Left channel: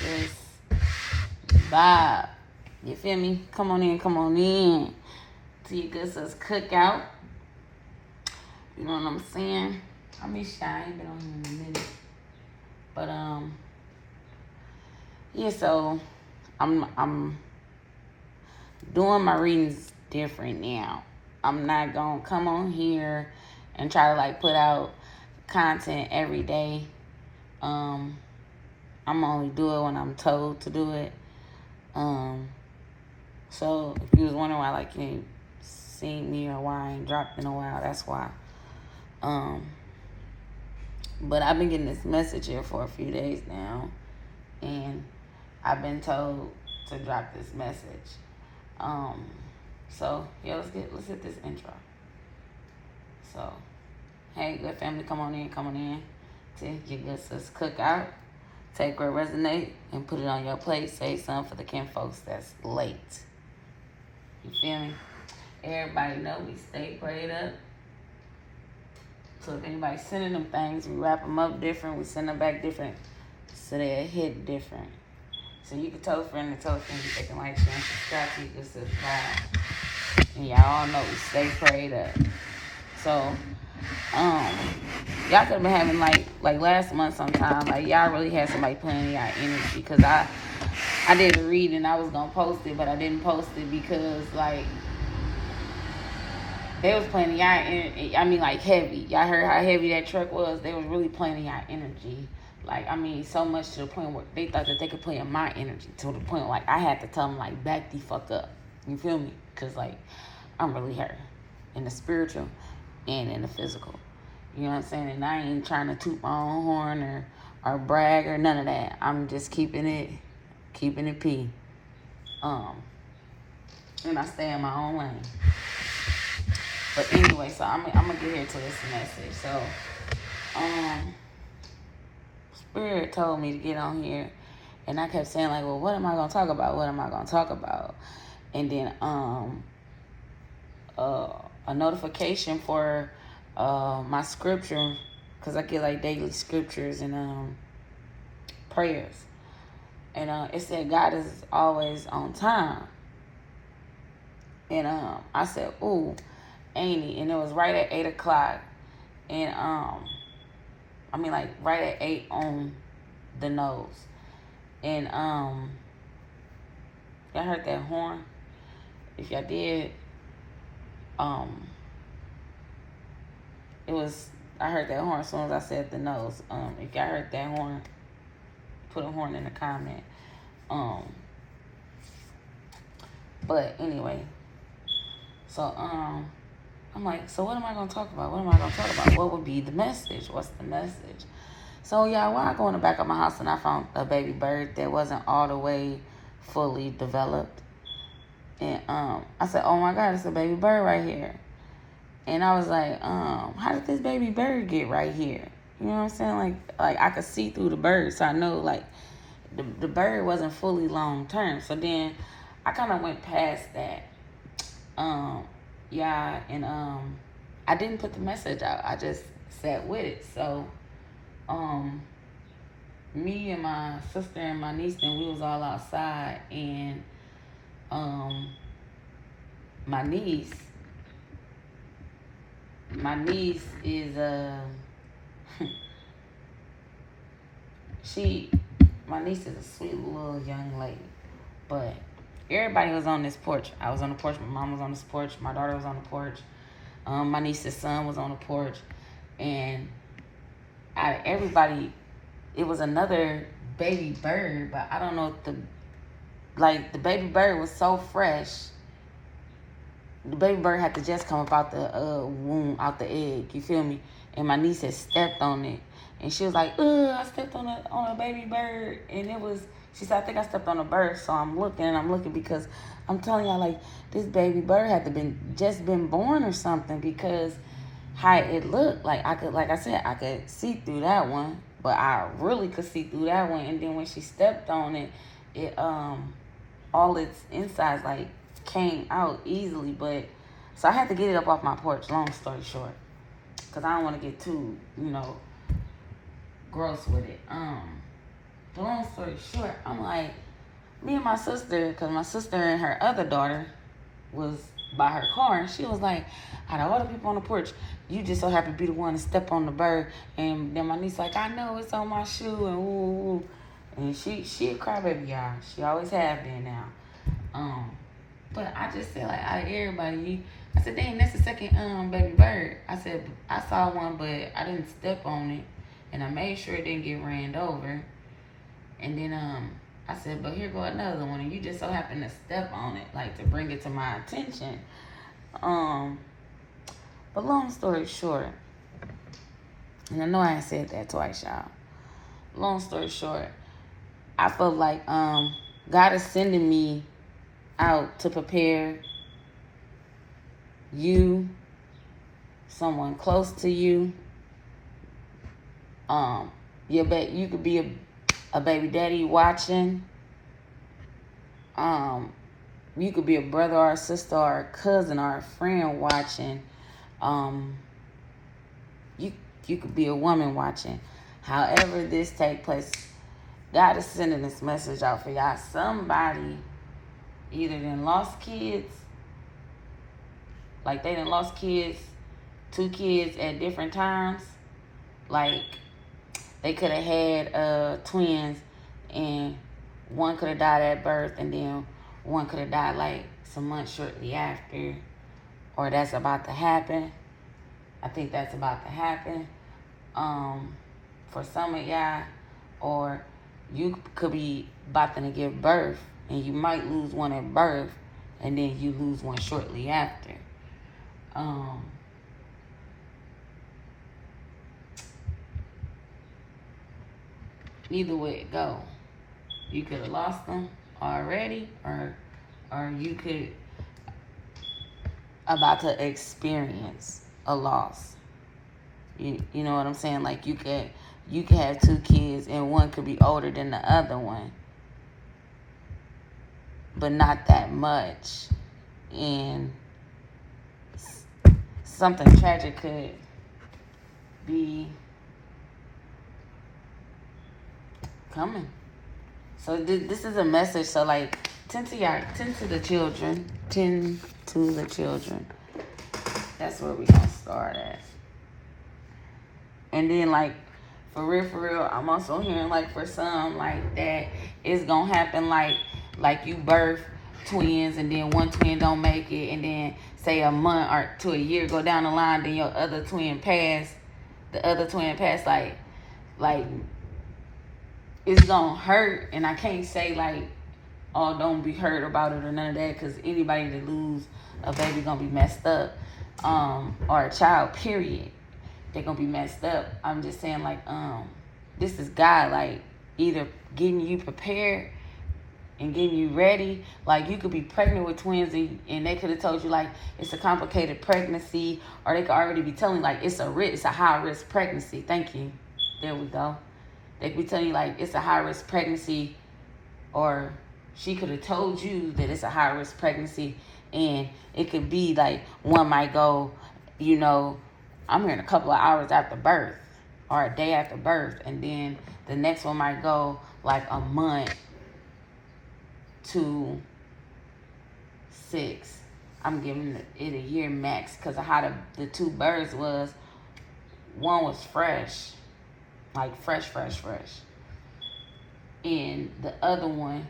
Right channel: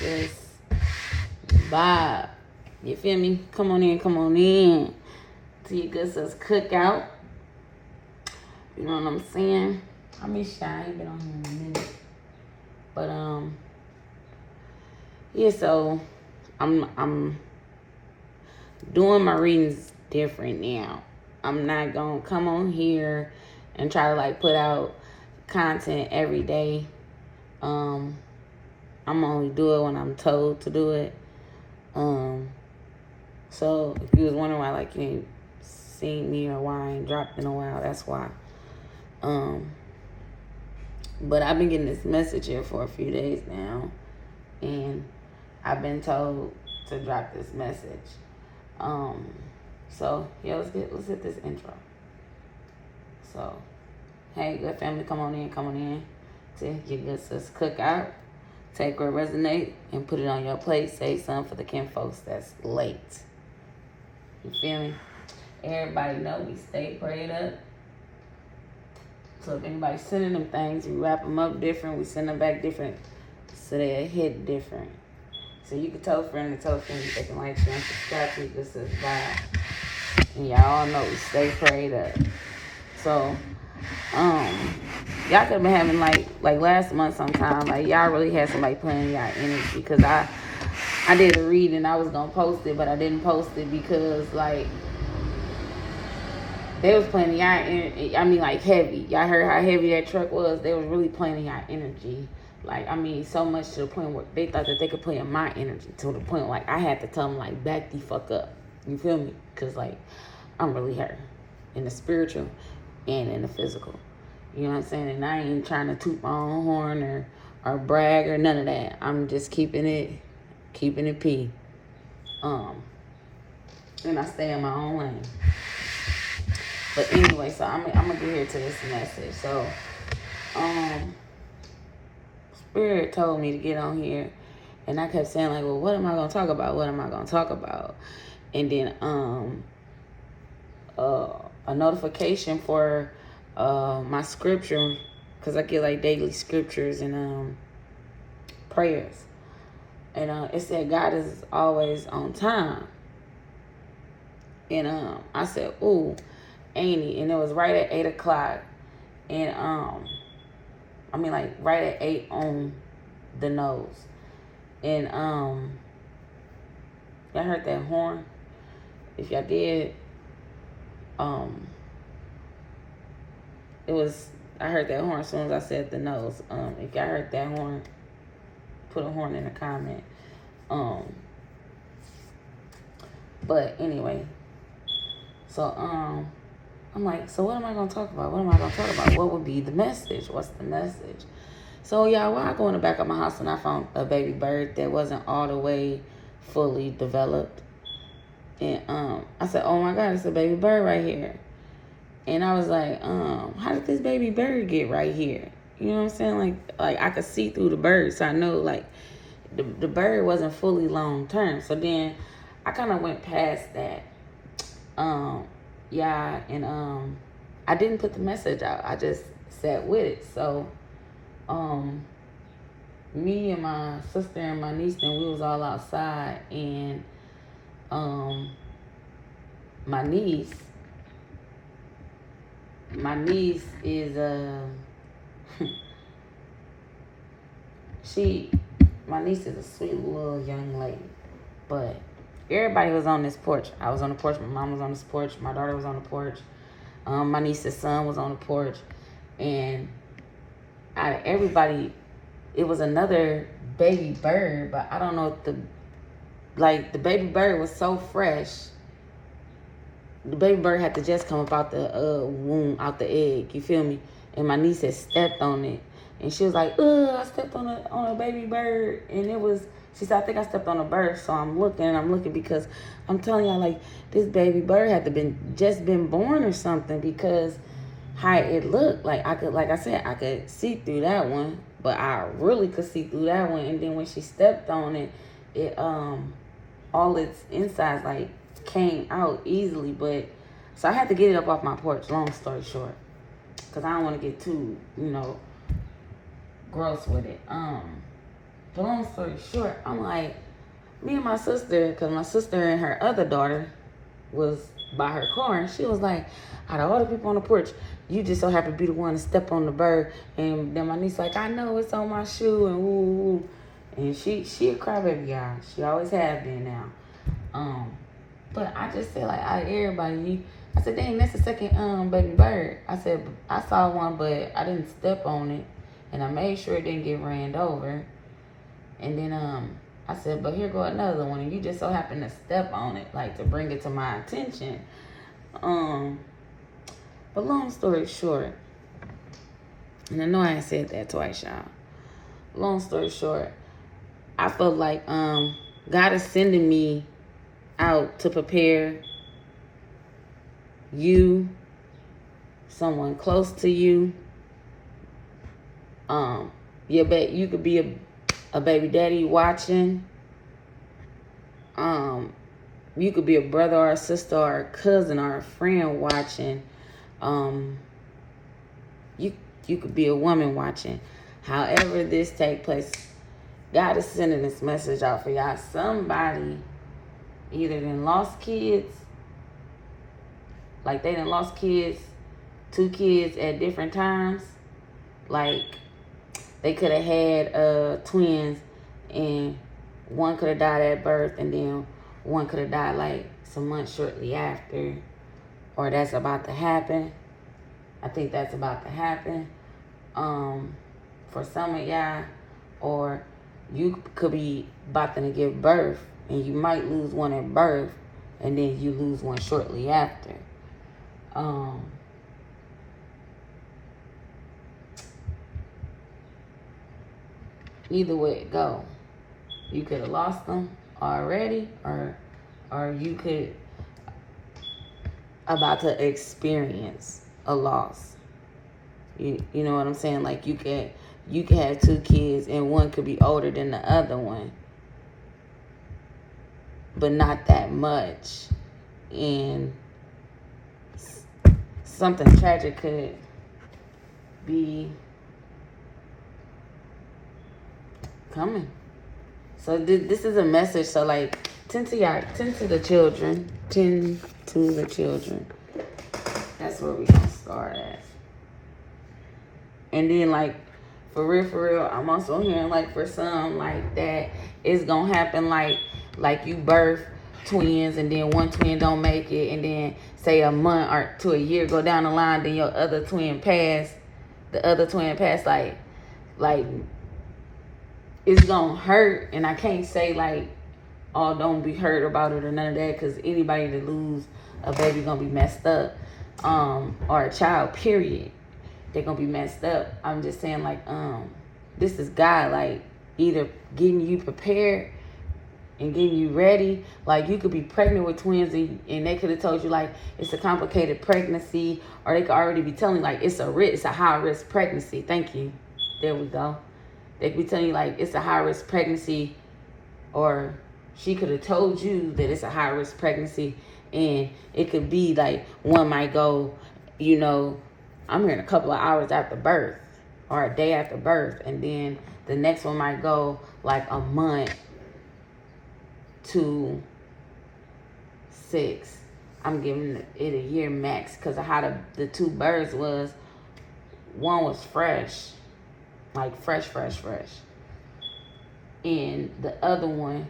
Just vibe. You feel me? Come on in. To your good sis cookout. You know what I'm saying? I be shy, I ain't been on here in a minute. But yeah, so I'm doing my readings different now. I'm not gonna come on here and try to like put out content every day. I'm only do it when I'm told to do it. So if you was wondering why like you ain't seen me or why I ain't dropped in a while, that's why. But I've been getting this message here for a few days now, and I've been told to drop this message. So yeah, let's hit this intro. So, hey, good family, come on in to your good sis cookout. Take what resonate and put it on your plate. Save some for the kin folks that's late. You feel me? Everybody know we stay prayed up. So if anybody's sending them things, we wrap them up different. We send them back different, so they hit different. So you can tell a friend they can like, share, and subscribe to your sis vibe. And y'all all know we stay prayed up. So, y'all could have been having like last month sometime, like y'all really had somebody playing y'all energy, because I did a read and I was gonna post it, but I didn't post it because like they was playing y'all energy. I mean, like heavy. Y'all heard how heavy that truck was. They was really playing y'all energy. Like, I mean, so much to the point where they thought that they could play in my energy, to the point like I had to tell them like, back the fuck up. You feel me? Because like I'm really hurt in the spiritual and in the physical. You know what I'm saying? And I ain't trying to toot my own horn or brag or none of that. I'm just keeping it P. And I stay in my own lane. But anyway, so I'm gonna get here to this message. So, Spirit told me to get on here, and I kept saying like, well, what am I gonna talk about? What am I gonna talk about? And then a notification for my scripture, because I get like daily scriptures and prayers, and it said God is always on time. And I said, ooh, ain't he? And it was right at 8 o'clock, and I mean like right at 8 on the nose. And y'all heard that horn? If y'all did, I heard that horn as soon as I said the nose. If y'all heard that horn, put a horn in the comment. But anyway, so I'm like, so what am I gonna talk about? What would be the message? What's the message? So y'all, while I go in the back of my house and I found a baby bird that wasn't all the way fully developed. And I said, oh my God, it's a baby bird right here. And I was like, how did this baby bird get right here? You know what I'm saying? Like I could see through the bird, so I know like the bird wasn't fully long term. So then I kind of went past that. Yeah, and I didn't put the message out. I just sat with it. So me and my sister and my niece, and we was all outside, and my niece is my niece is a sweet little young lady, but everybody was on this porch. I was on the porch, my mom was on this porch, my daughter was on the porch, my niece's son was on the porch, and out of everybody, it was another baby bird, but I don't know if the baby bird was so fresh. The baby bird had to just come up out the womb, out the egg. You feel me? And my niece had stepped on it, and she was like, I stepped on a baby bird, and it was. She said, I think I stepped on a bird. So I'm looking because I'm telling y'all, like, this baby bird had to just been born or something, because how it looked, like I could see through that one, but I really could see through that one. And then when she stepped on it, it all its insides like came out easily. But so I had to get it up off my porch, long story short, because I don't want to get too gross with it. But long story short, I'm like, me and my sister, because my sister and her other daughter was by her car, and she was like, out of all the people on the porch, you just so happen to be the one to step on the bird. And then my niece like, I know it's on my shoe, and woo. And she a crybaby, y'all. She always have been now. But I just said, like, out of everybody, I said, dang, that's the second baby bird. I said, I saw one, but I didn't step on it, and I made sure it didn't get ran over. And then I said, but here go another one, and you just so happen to step on it, like, to bring it to my attention. But long story short, and I know I ain't said that twice, y'all. Long story short, I felt like God is sending me out to prepare you, someone close to you. You could be a baby daddy watching. You could be a brother or a sister or a cousin or a friend watching. You could be a woman watching. However this take place, God is sending this message out for y'all. Somebody either done lost kids, like they done lost kids, 2 kids at different times. Like they could have had twins, and one could have died at birth, and then one could have died like some months shortly after, or that's about to happen. I think that's about to happen for some of y'all. Or you could be about to give birth, and you might lose one at birth, and then you lose one shortly after. Either way it go, you could have lost them already, or you could about to experience a loss. You know what I'm saying? Like you could have 2 kids, and one could be older than the other one, but not that much. And something tragic could be coming. So this is a message. So like, tend to the children. Tend to the children. That's where we gonna start at. And then like, for real, I'm also hearing like for some like that it's gonna happen like you birth twins, and then one twin don't make it, and then say a month or to a year go down the line, then your other twin pass. The other twin pass, like it's gonna hurt. And I can't say like, oh, don't be hurt about it or none of that, because anybody that lose a baby gonna be messed up, or a child, period, they're gonna be messed up. I'm just saying like, this is God, like either getting you prepared and getting you ready. Like you could be pregnant with twins, and they could have told you like it's a complicated pregnancy, or they could already be telling you like it's a high risk pregnancy. Thank you. There we go. They could be telling you like it's a high risk pregnancy, or she could have told you that it's a high risk pregnancy, and it could be like one might go, I'm hearing a couple of hours after birth or a day after birth, and then the next one might go like a month to 6. I'm giving it a year max because of how the 2 birds was. One was fresh, like fresh. And the other one,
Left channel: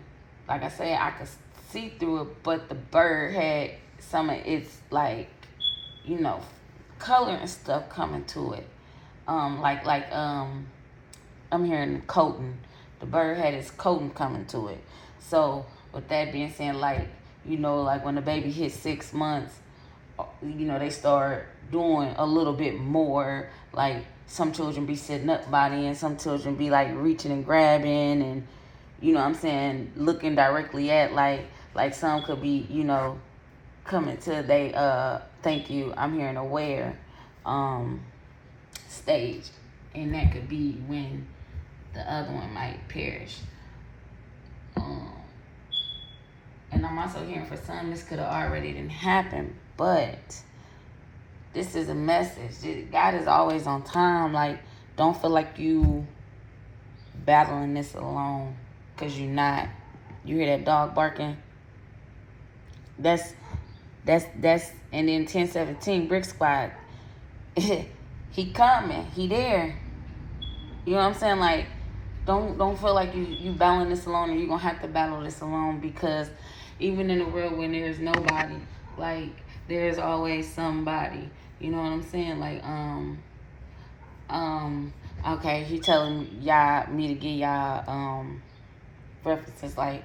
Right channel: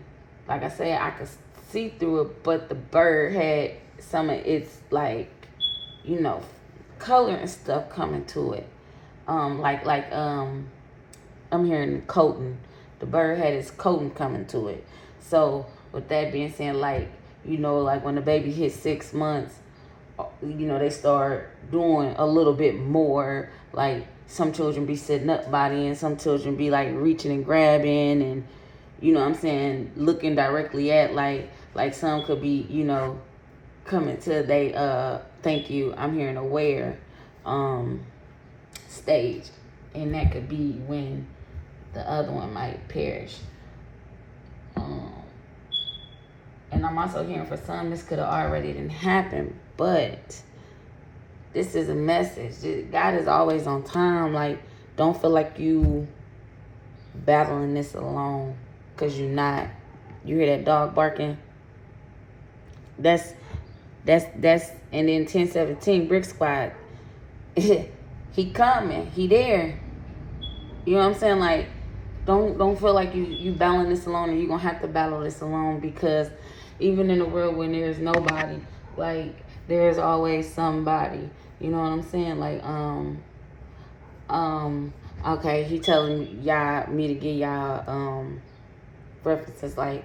like I said, I could see through it, but the bird had some of its like, color and stuff coming to it. I'm hearing coating. The bird had its coating coming to it. So with that being said, like when the baby hits 6 months, they start doing a little bit more. Like some children be sitting up by then, some children be like reaching and grabbing, and looking directly at like some could be coming to they thank you, I'm hearing aware stage, and that could be when the other one might perish. And I'm also hearing for some this could have already didn't happen, but this is a message. God is always on time. Like, don't feel like you battling this alone, because you're not. You hear that dog barking? That's and then 1017 Brick Squad. He coming. He there. You know what I'm saying? Like, don't feel like you battling this alone, and you're gonna have to battle this alone, because even in a world when there's nobody, like, there's always somebody. You know what I'm saying? Like, okay, he telling me to give y'all references. Like,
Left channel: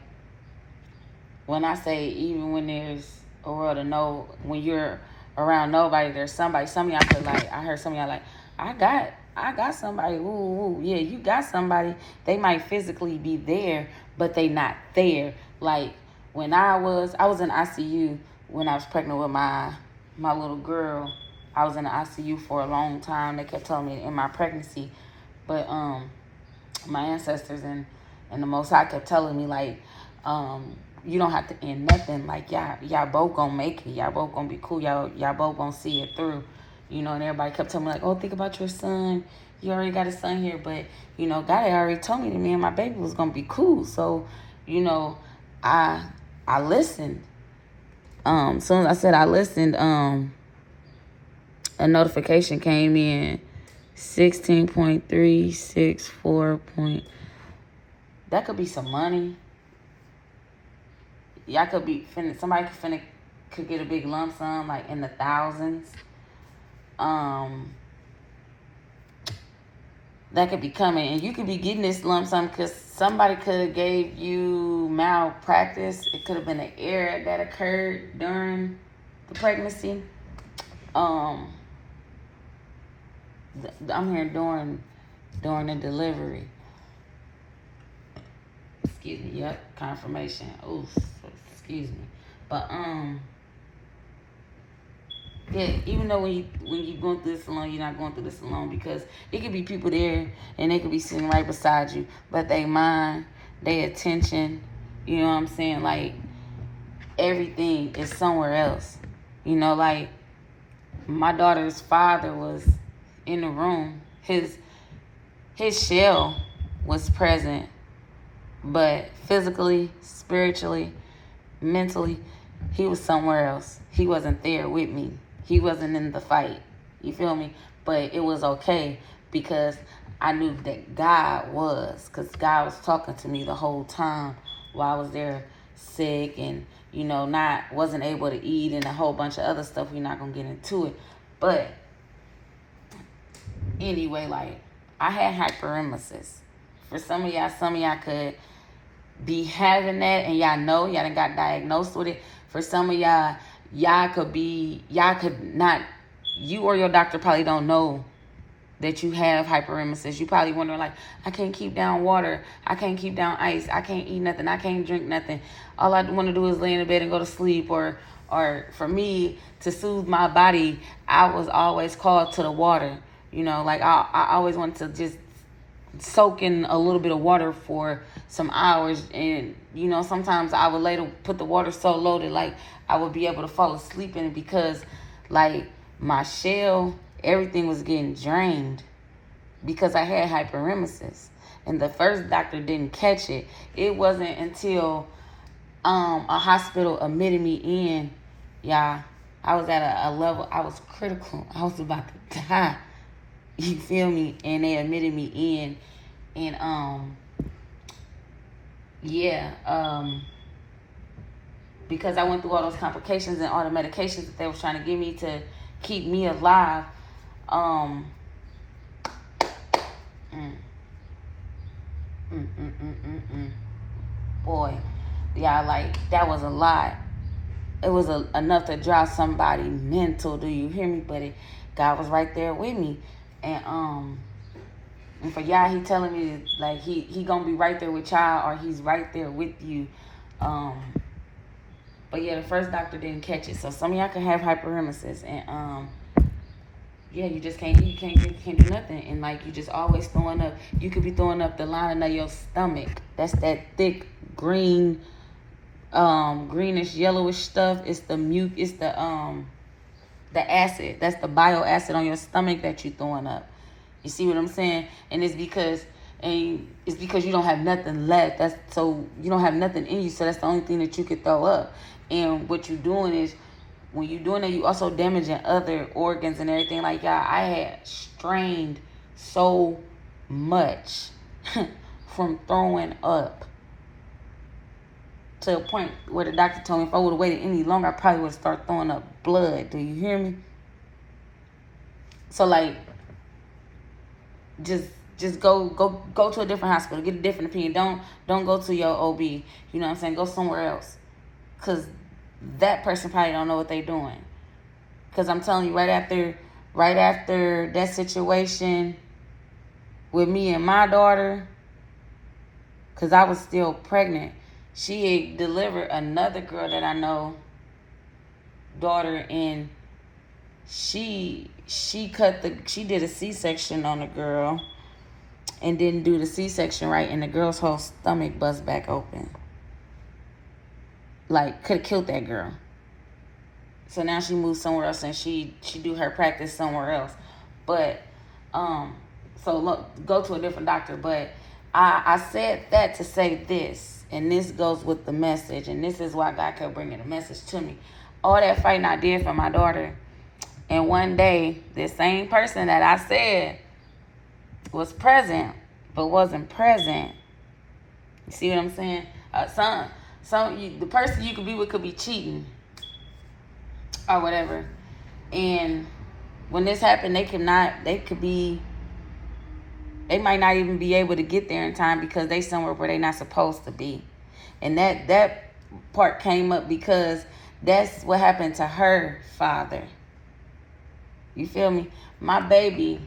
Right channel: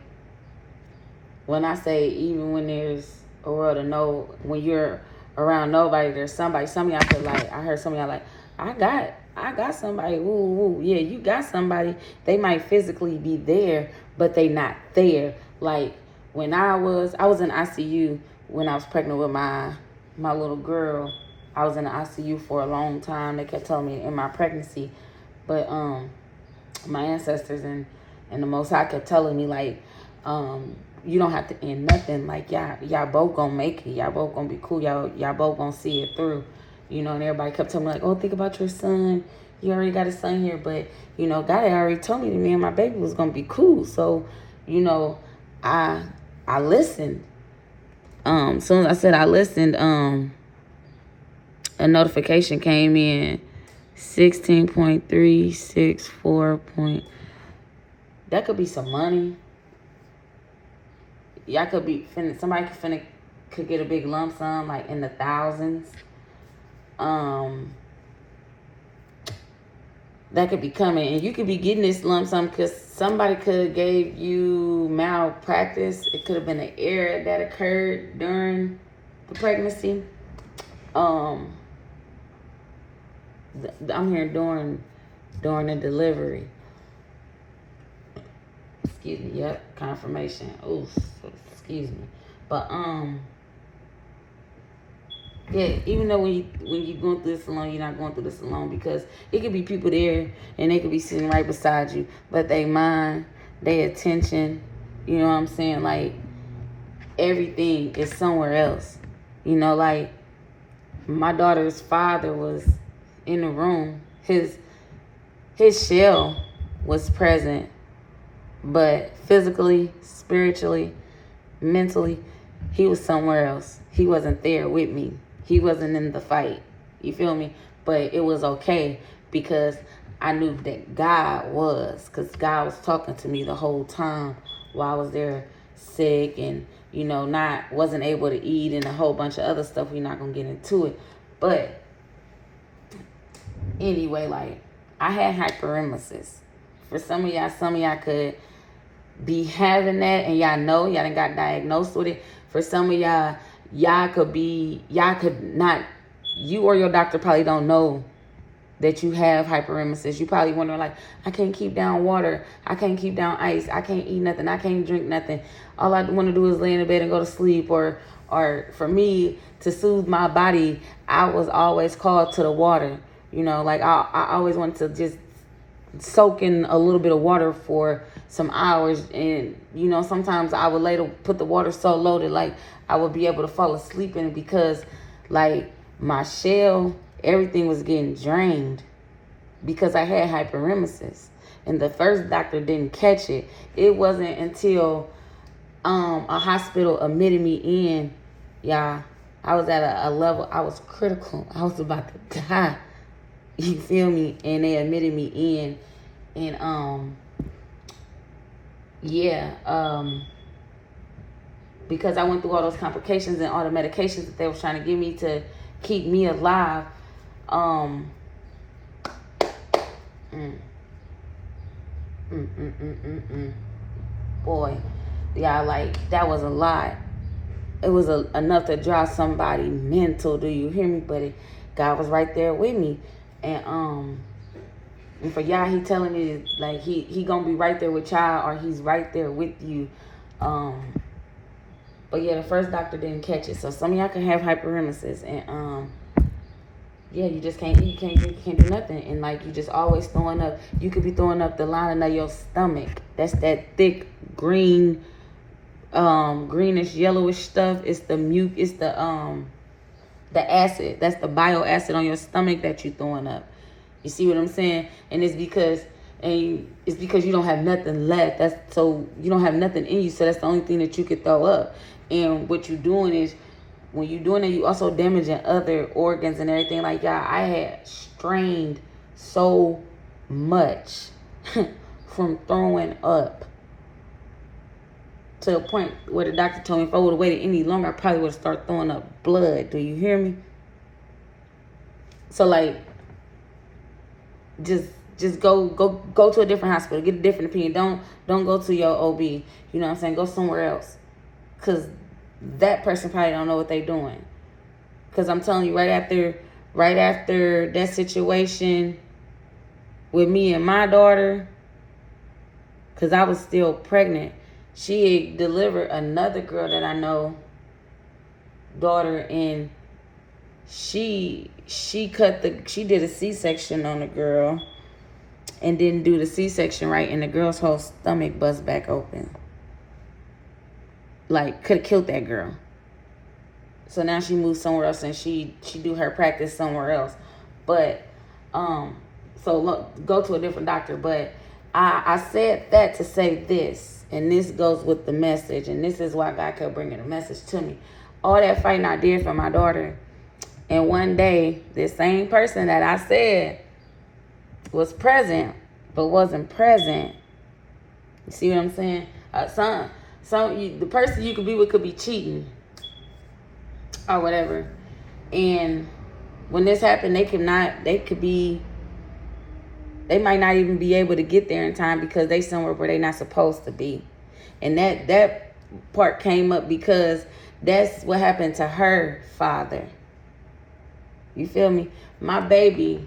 when I say even when there's a world of no, when you're around nobody, there's somebody. Some of y'all feel like, I heard some of y'all like, I got somebody. Ooh, yeah, you got somebody. They might physically be there, but they not there. Like, when I was in ICU when I was pregnant with my little girl. I was in the ICU for a long time. They kept telling me in my pregnancy, but my ancestors and the Most High kept telling me, like, you don't have to end nothing. Like, y'all both gonna make it. Y'all both gonna be cool. Y'all both gonna see it through. You know, and everybody kept telling me, like, oh, think about your son. You already got a son here. But, you know, God had already told me that me and my baby was gonna be cool. So, you know, I listened. Soon as I said I listened, a notification came in, 16.364 that could be some money. Y'all could be somebody could get a big lump sum, like in the thousands. That could be coming, and you could be getting this lump sum because somebody could have gave you malpractice. It could have been an error that occurred during the pregnancy. I'm here during the delivery. Excuse me. Yep, confirmation. Oof, excuse me. But yeah, even though when you're going through this alone, you're not going through this alone, because it could be people there and they could be sitting right beside you, but they mind, they attention, you know what I'm saying? Like, everything is somewhere else. You know, like, my daughter's father was in the room. His shell was present, but physically, spiritually, mentally, he was somewhere else. He wasn't there with me. He wasn't in the fight. You feel me? But it was okay, because I knew that God was, because God was talking to me the whole time while I was there sick and, you know, wasn't able to eat and a whole bunch of other stuff. We're not going to get into it. But anyway, like, I had hyperemesis. For some of y'all could be having that, and y'all done got diagnosed with it. For some of y'all could not, you or your doctor probably don't know that you have hyperemesis. You probably wondering, like, I can't keep down water, I can't keep down ice, I can't eat nothing, I can't drink nothing. All I want to do is lay in the bed and go to sleep. Or for me to soothe my body, I was always called to the water. You know, like, I always wanted to just soak in a little bit of water for some hours, and, you know, sometimes I would later put the water so low that, like, I would be able to fall asleep in it, because, like, my shell, everything was getting drained because I had hyperemesis, and the first doctor didn't catch it. It wasn't until a hospital admitted me in, y'all. I was at a level, I was critical. I was about to die. You feel me? And they admitted me in, and because I went through all those complications and all the medications that they were trying to give me to keep me alive. Boy, yeah, like, that was a lot. It was enough to drive somebody mental. Do you hear me? But God was right there with me, and for y'all, he telling me that, like, he gonna be right there with y'all, or he's right there with you. But yeah, the first doctor didn't catch it. So some of y'all can have hyperemesis, and yeah, you just can't eat, can't drink, can't do nothing, and, like, you just always throwing up. You could be throwing up the lining of your stomach. That's that thick green, greenish yellowish stuff. It's the it's the acid. That's the bile acid on your stomach that you throwing up. You see what I'm saying? And it's because And it's because you don't have nothing left. So you don't have nothing in you. So that's the only thing that you could throw up. And what you're doing is, when you're doing it, you also damaging other organs and everything. Like, y'all, I had strained so much from throwing up, to a point where the doctor told me if I would have waited any longer, I probably would have started throwing up blood. Do you hear me? So, like, just go to a different hospital, get a different opinion. Don't go to your OB. You know what I'm saying? Go somewhere else, cause that person probably don't know what they're doing. Cause I'm telling you, right after that situation with me and my daughter, cause I was still pregnant, she had delivered another girl that I know, daughter, and she did a C-section on the girl and didn't do the C-section right, and the girl's whole stomach bust back open. Like, could have killed that girl. So now she moved somewhere else, and she do her practice somewhere else. But so look, go to a different doctor. But I said that to say this, and this goes with the message, and this is why God kept bringing the message to me. All that fighting I did for my daughter, and one day, this same person that I said was present, but wasn't present. You see what I'm saying? The person you could be with could be cheating or whatever. And when this happened, they might not even be able to get there in time because they somewhere where they not supposed to be. And that part came up because that's what happened to her father. You feel me? My baby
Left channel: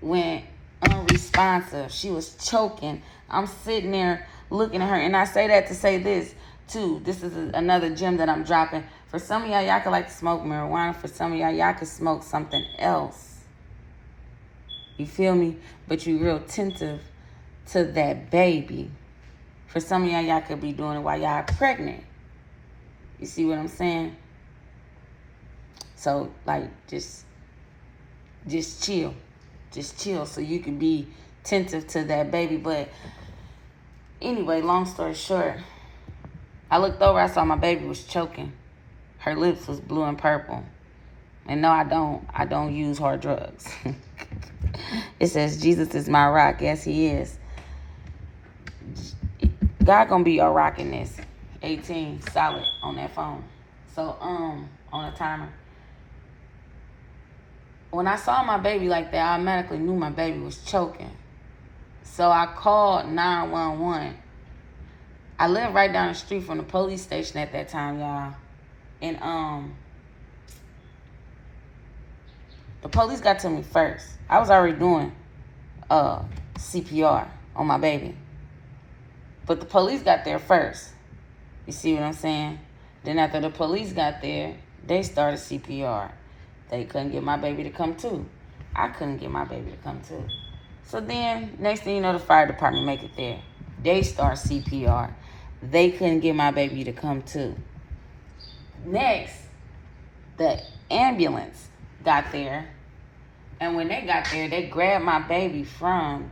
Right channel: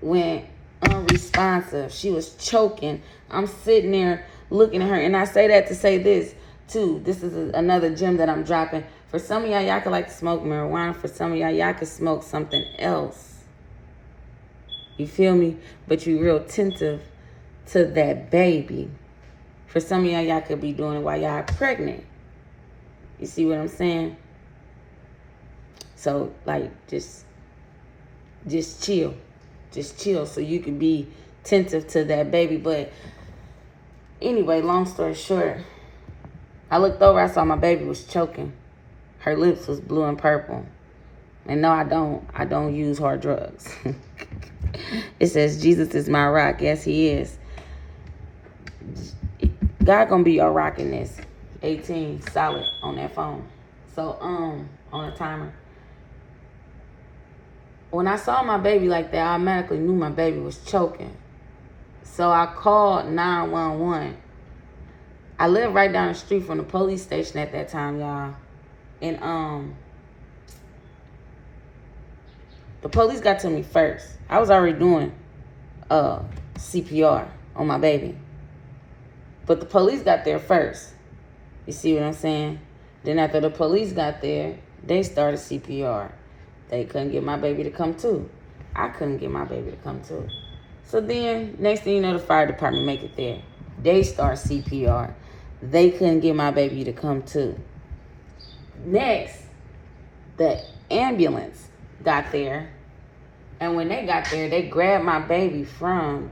went unresponsive. She was choking. I'm sitting there looking at her. And I say that to say this, too. This is another gem that I'm dropping. For some of y'all could like to smoke marijuana. For some of y'all could smoke something else. You feel me? But you real attentive to that baby. For some of y'all could be doing it while y'all pregnant. You see what I'm saying? So, like, just chill. Just chill so you can be attentive to that baby. But anyway, long story short, I looked over, I saw my baby was choking. Her lips was blue and purple. And no, I don't use hard drugs. It says, Jesus is my rock. Yes, he is. God gonna be your rock in this. 18, solid on that phone. So, on a timer. When I saw my baby like that, I automatically knew my baby was choking. So I called 911. I lived right down the street from the police station at that time, y'all. And the police got to me first. I was already doing CPR on my baby. But the police got there first. You see what I'm saying? Then after the police got there, they started CPR. They couldn't get my baby to come too. I couldn't get my baby to come too. So then, next thing you know, the fire department make it there. They start CPR. They couldn't get my baby to come too. Next, the ambulance got there. And when they got there, they grabbed my baby from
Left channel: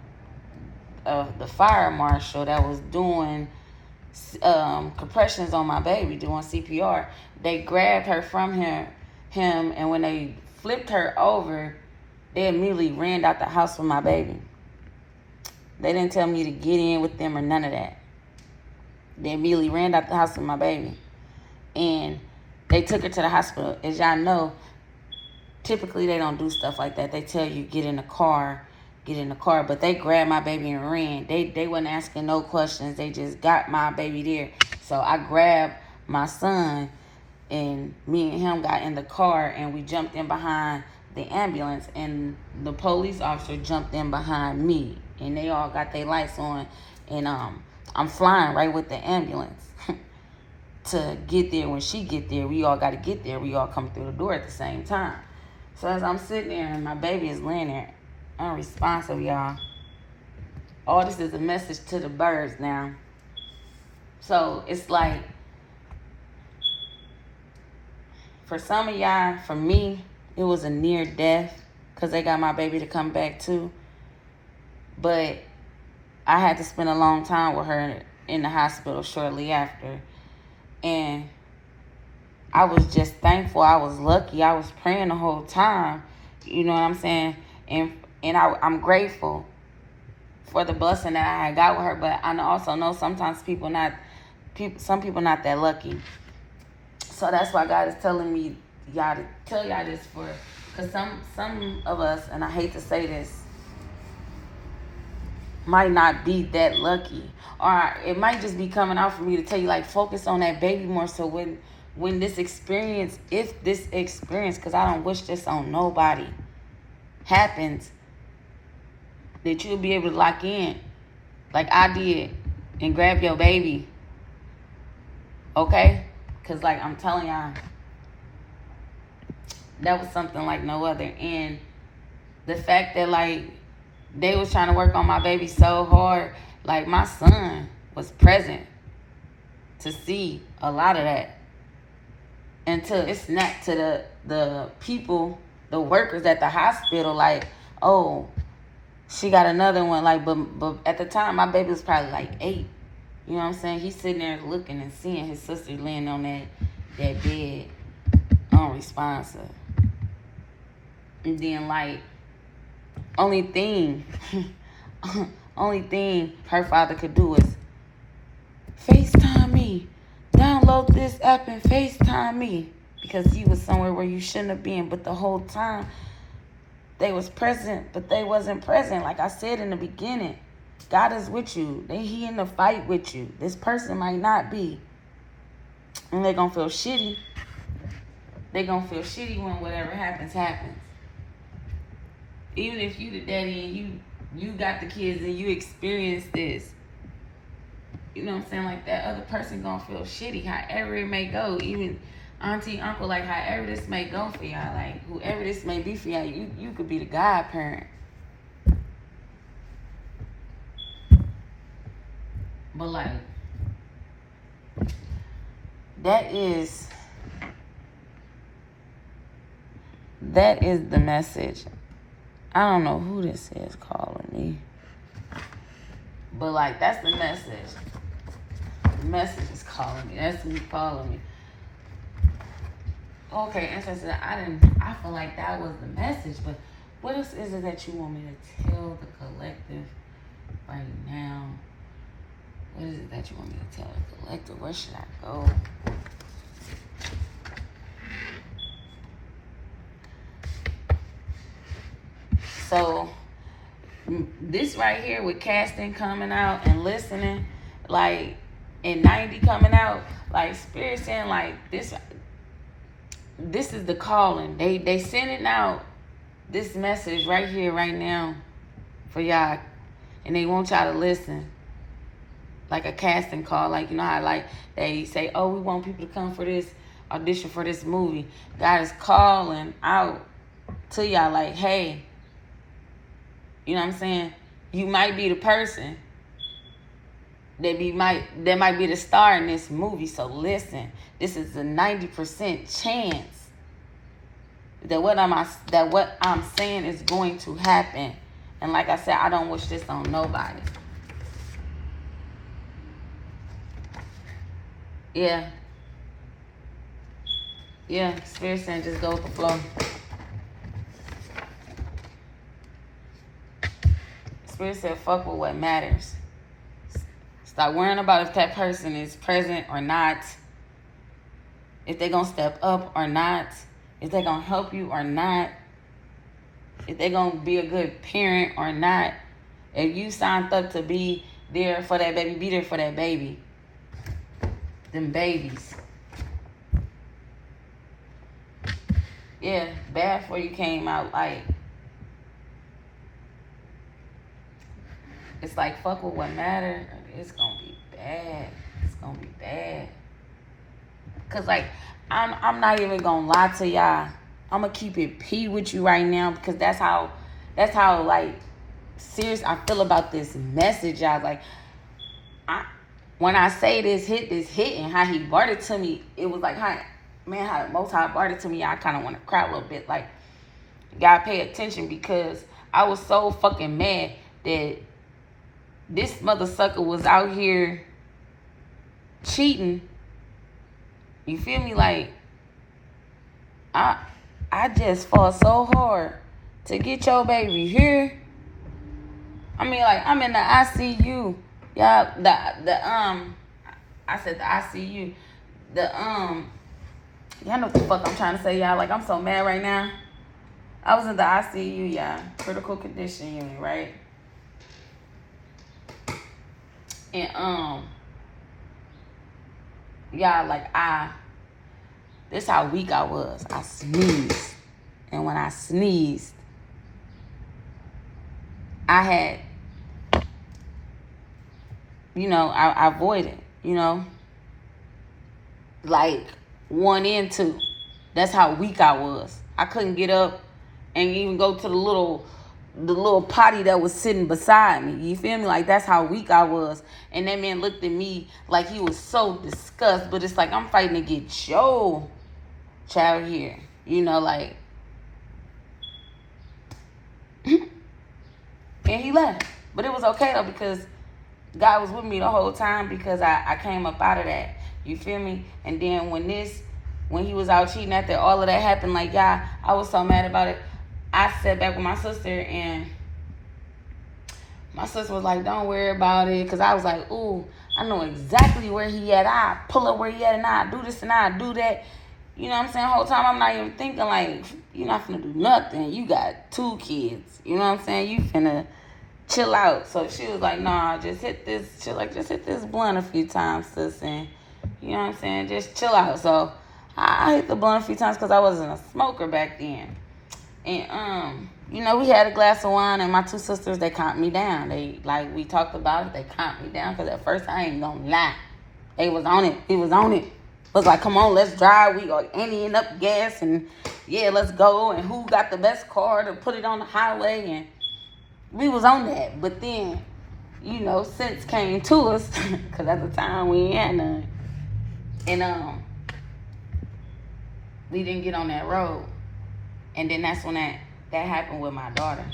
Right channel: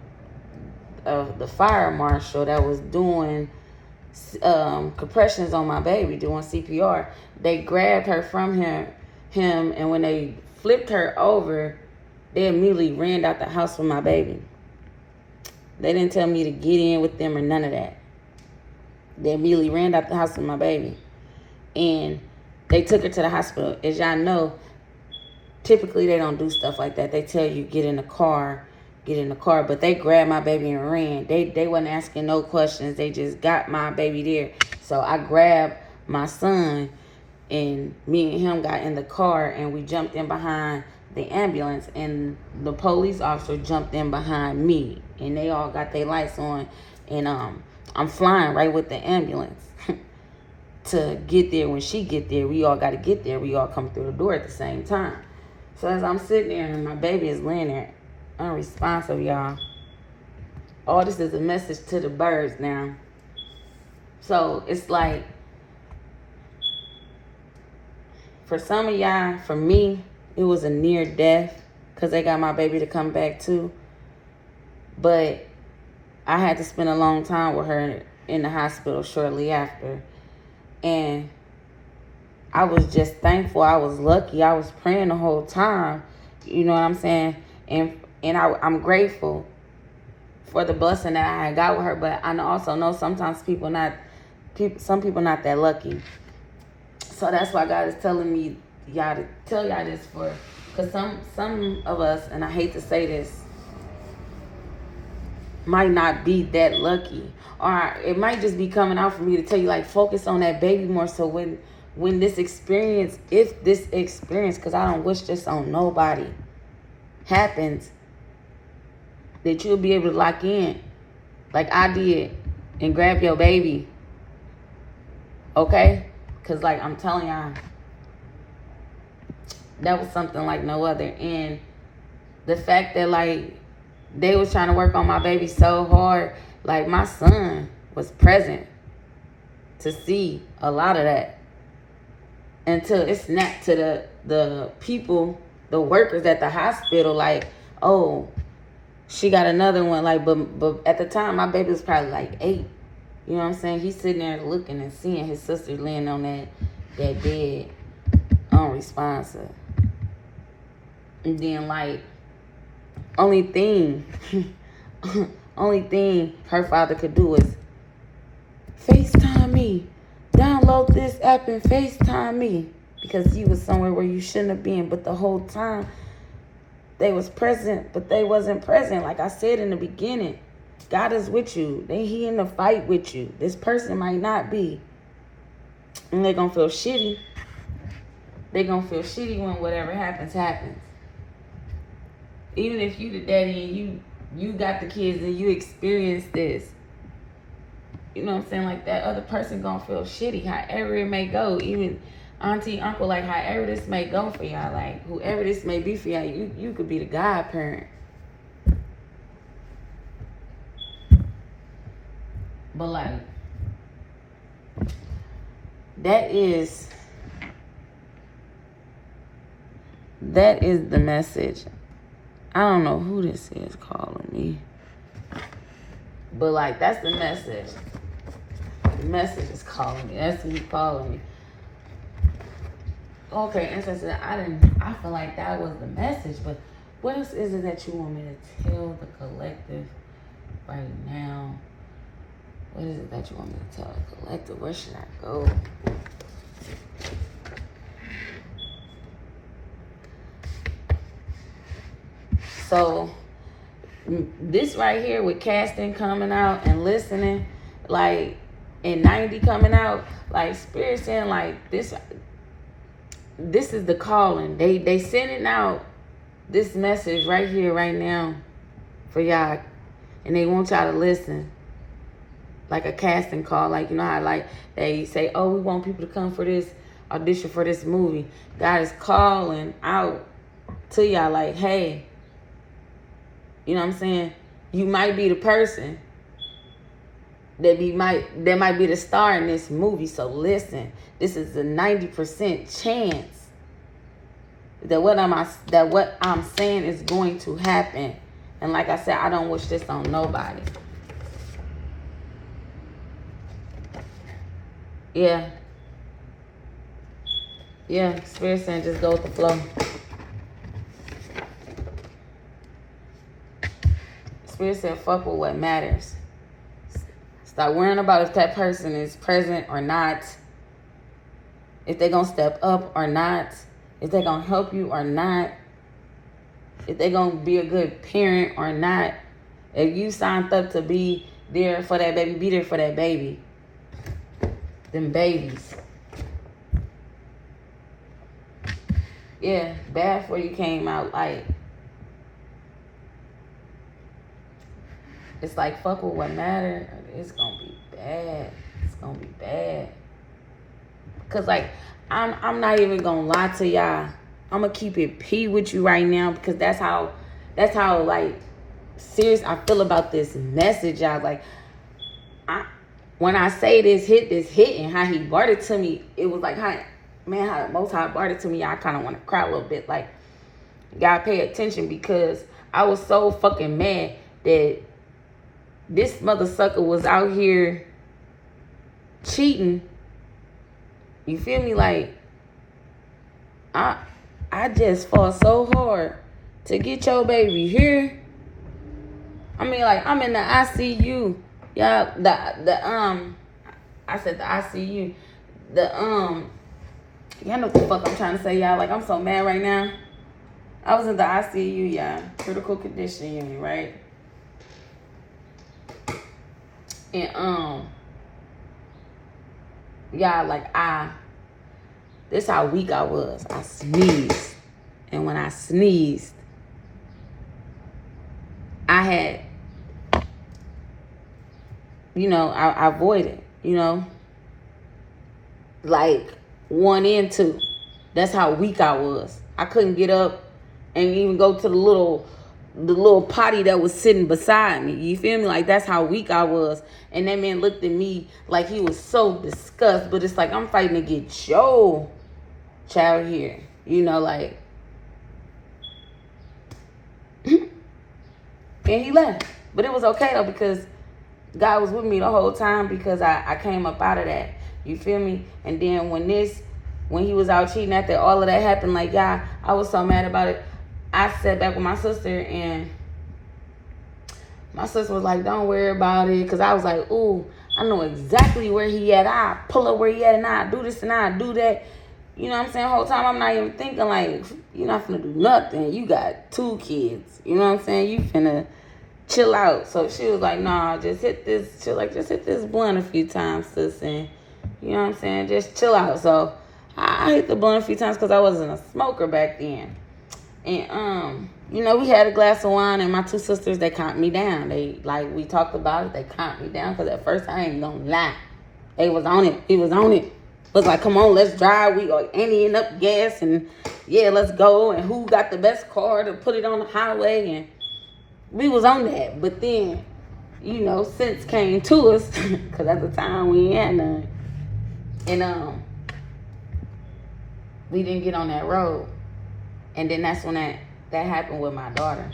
the fire marshal that was doing compressions on my baby, doing CPR. They grabbed her from him, and when they flipped her over, they immediately ran out the house with my baby. They didn't tell me to get in with them or none of that. They immediately ran out the house with my baby. And they took her to the hospital. As y'all know, typically they don't do stuff like that. They tell you get in the car. But they grabbed my baby and ran. They wasn't asking no questions. They just got my baby there. So I grabbed my son, and me and him got in the car, and we jumped in behind the ambulance, and the police officer jumped in behind me, and they all got their lights on, and I'm flying right with the ambulance to get there. When she get there, we all got to get there. We all come through the door at the same time. So as I'm sitting there, and my baby is laying there unresponsive, y'all. All this is a message to the birds now. So it's like, for some of y'all, for me, it was a near death because they got my baby to come back too. But I had to spend a long time with her in the hospital shortly after. And I was just thankful. I was lucky. I was praying the whole time. You know what I'm saying? I'm grateful for the blessing that I had got with her. But I also know sometimes some people not that lucky. So that's why God is telling me y'all to tell y'all this because some of us, and I hate to say this, might not be that lucky, or it might just be coming out for me to tell you, like, focus on that baby more. So when this experience, if this experience, because I don't wish this on nobody, happens, that you'll be able to lock in like I did and grab your baby. Okay? Because, like, I'm telling y'all, that was something like no other. And the fact that, like, they was trying to work on my baby so hard, like, my son was present to see a lot of that until it snapped to the people, the workers at the hospital, like, oh, she got another one. Like, but at the time, my baby was probably like 8. You know what I'm saying? He's sitting there looking and seeing his sister laying on that bed, unresponsive. And then, like, only thing her father could do is FaceTime me. Download this app and FaceTime me. Because he was somewhere where you shouldn't have been. But the whole time, they was present, but they wasn't present. Like I said in the beginning, God is with you. He in the fight with you. This person might not be. And they're going to feel shitty. They're going to feel shitty when whatever happens. Even if you the daddy and you got the kids and you experienced this. You know what I'm saying? Like, that other person going to feel shitty. However it may go. Even auntie, uncle, like, however this may go for y'all. Like, whoever this may be for y'all, you could be the godparent. But, like, that is the message. I don't know who this is calling me. But, like, that's the message. The message is calling me. That's who calling me. Okay, and so I feel like that was the message, but what else is it that you want me to tell the collective right now? What is it that you want me to tell the collective? Where should I go? So, this right here with casting coming out and listening, like, and 90 coming out, like, Spirit saying, like, this is the calling. They sending out this message right here, right now for y'all. And they want y'all to listen. Like a casting call. Like, you know how, like, they say, oh, we want people to come for this audition for this movie. God is calling out to y'all like, hey, you know what I'm saying? You might be the person that might be the star in this movie. So listen, this is a 90% chance that what I'm saying is going to happen. And like I said, I don't wish this on nobody. Yeah. Yeah, Spirit saying just go with the flow. Spirit said fuck with what matters. Stop worrying about if that person is present or not. If they're going to step up or not. If they're going to help you or not. If they're going to be a good parent or not. If you signed up to be there for that baby, be there for that baby. Them babies. Yeah, bad for you came out like. It's like fuck with what matters. It's gonna be bad. It's gonna be bad. Cause like I'm not even gonna lie to y'all. I'm gonna keep it P with you right now because that's how like serious I feel about this message, y'all. Like when I say this hit and how he brought it to me, it was like how the Most High brought it to me. I kind of want to cry a little bit. Like, y'all pay attention because I was so fucking mad that this mother sucker was out here cheating. You feel me? Like, I just fought so hard to get your baby here. I mean, like, I'm in the ICU. Y'all, I said the ICU. Y'all know what the fuck I'm trying to say, y'all. Like, I'm so mad right now. I was in the ICU, y'all. Critical condition unit, right? And, y'all, like, this how weak I was. I sneezed. And when I sneezed, I had, I avoided, like 1 and 2. That's how weak I was. I couldn't get up and even go to the little potty that was sitting beside me. You feel me? Like, that's how weak I was. And that man looked at me like he was so disgusted. But it's like, I'm fighting to get your child here. Like. And he left. But it was okay, though, because God was with me the whole time, because I came up out of that. You feel me? And then when he was out cheating after all of that happened, like, y'all, I was so mad about it. I sat back with my sister, and my sister was like, don't worry about it. Because I was like, ooh, I know exactly where he at. I pull up where he at, and I do this and I do that. You know what I'm saying? The whole time I'm not even thinking, like, you're not finna do nothing. You got 2 kids. You know what I'm saying? You finna chill out. So she was like, nah, just hit this. She was like, just hit this blunt a few times, sis. And, you know what I'm saying? Just chill out. So I hit the blunt a few times because I wasn't a smoker back then. And, we had a glass of wine, and my 2 sisters, they calmed me down. They, like, we talked about it. They calmed me down, because at first, I ain't gonna lie. They was on it. He was on it. Was like, come on, let's drive. We are emptying up gas, and yeah, let's go. And who got the best car to put it on the highway? And we was on that. But then, sense came to us, because at the time we ain't had none. And we didn't get on that road. And then that's when that happened with my daughter.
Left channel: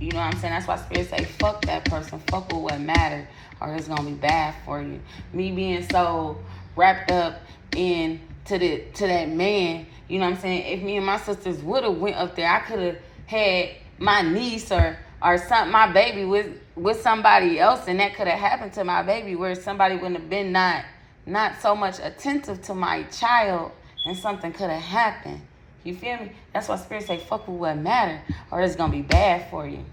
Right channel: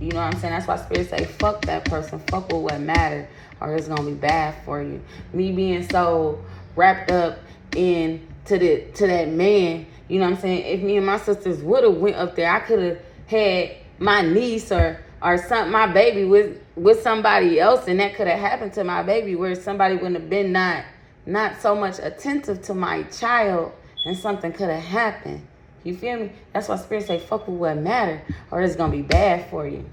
You know what I'm saying? That's why Spirit say, fuck that person. Fuck with what matter, or it's going to be bad for you. Me being so wrapped up to that man, you know what I'm saying? If me and my sisters would have went up there, I could have had my niece or my baby with somebody else, and that could have happened to my baby, where somebody wouldn't have been not so much attentive to my child, and something could have happened. You feel me? That's why Spirit say, fuck with what matter, or it's going to be bad for you.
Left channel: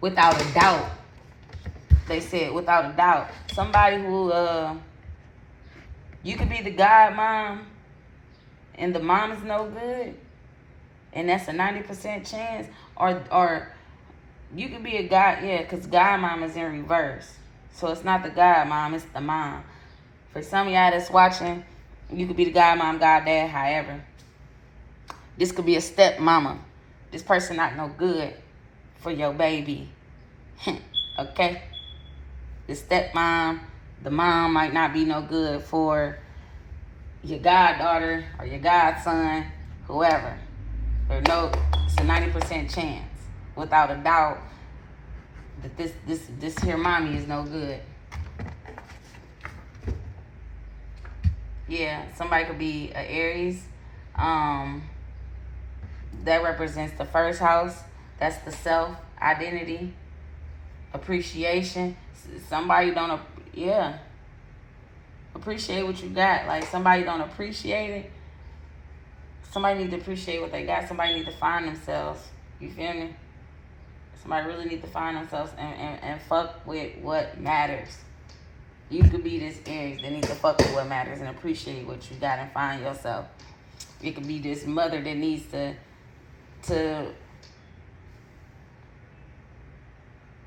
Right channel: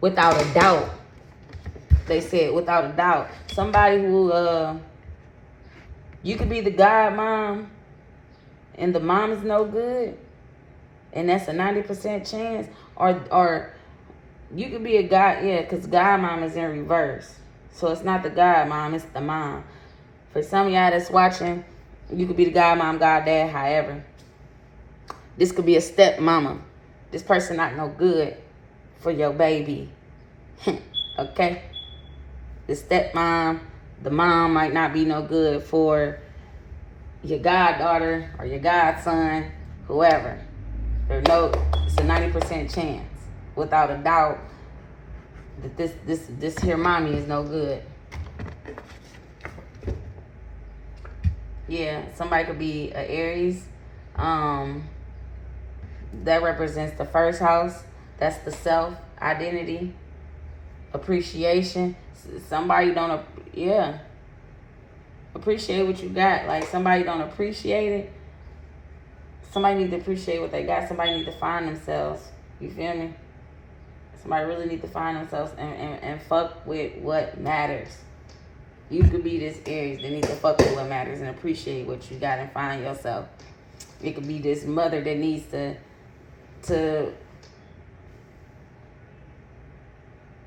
Without a doubt. They said, without a doubt. Somebody who, you could be the God mom, and the mom is no good, and that's a 90% chance. Or you could be a God, because God mom is in reverse. So it's not the God mom, it's the mom. For some of y'all that's watching, you could be the God mom, God dad, however. This could be a step mama. This person not no good for your baby. Okay? The stepmom, the mom might not be no good for your goddaughter or your godson, whoever. It's a 90% chance, without a doubt, that this here mommy is no good. Yeah, somebody could be an Aries. That represents the first house. That's the self, identity, appreciation. Somebody don't, appreciate what you got. Like, somebody don't appreciate it. Somebody need to appreciate what they got. Somebody need to find themselves. You feel me? Somebody really need to find themselves and fuck with what matters. You could be this Aries that needs to fuck with what matters and appreciate what you got and find yourself. It could be this mother that needs to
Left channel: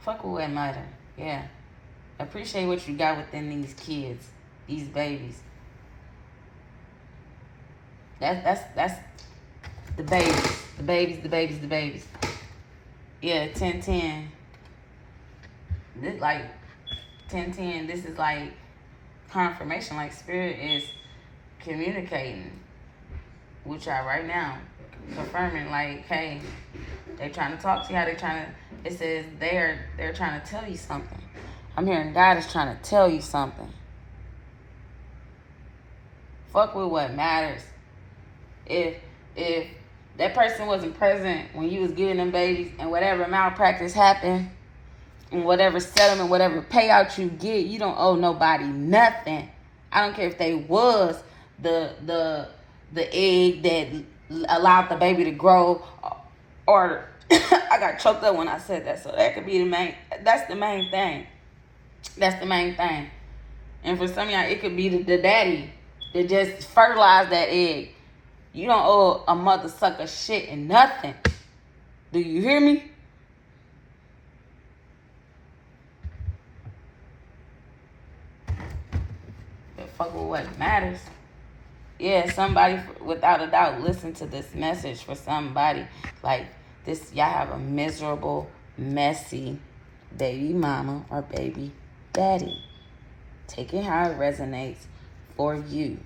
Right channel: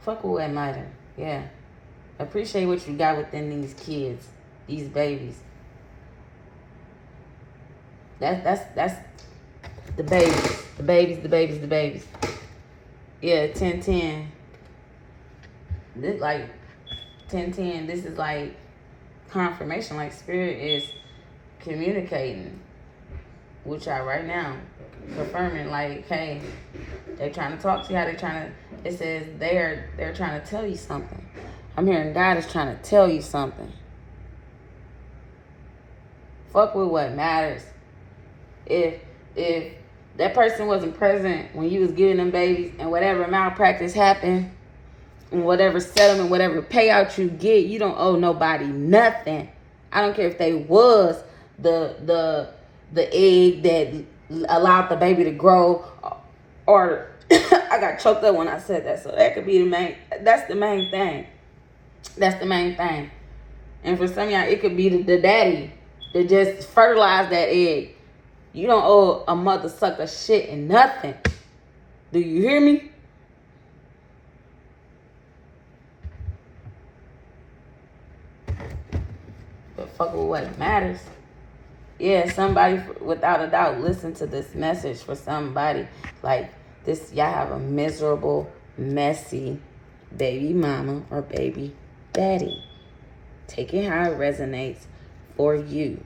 fuck with what matters. Yeah. Appreciate what you got within these kids, these babies. That's the babies. The babies. Yeah, 10-10. This like 10-10, this is like confirmation, like Spirit is communicating with y'all right now, confirming like, hey, They're trying to talk to you. How they trying to? It says they're trying to tell you something. I'm hearing God is trying to tell you something. Fuck with what matters. If that person wasn't present when you was giving them babies and whatever malpractice happened and whatever settlement, whatever payout you get, you don't owe nobody nothing. I don't care if they was the egg that allowed the baby to grow, or I got choked up when I said that. So that could be that's the main thing. That's the main thing. And for some of y'all, it could be the daddy that just fertilized that egg. You don't owe a mother sucker shit and nothing. Do you hear me? But fuck with what matters. Yeah, somebody, without a doubt, listen to this message for somebody. Like this, y'all have a miserable, messy baby mama or baby daddy. Take it how it resonates for you.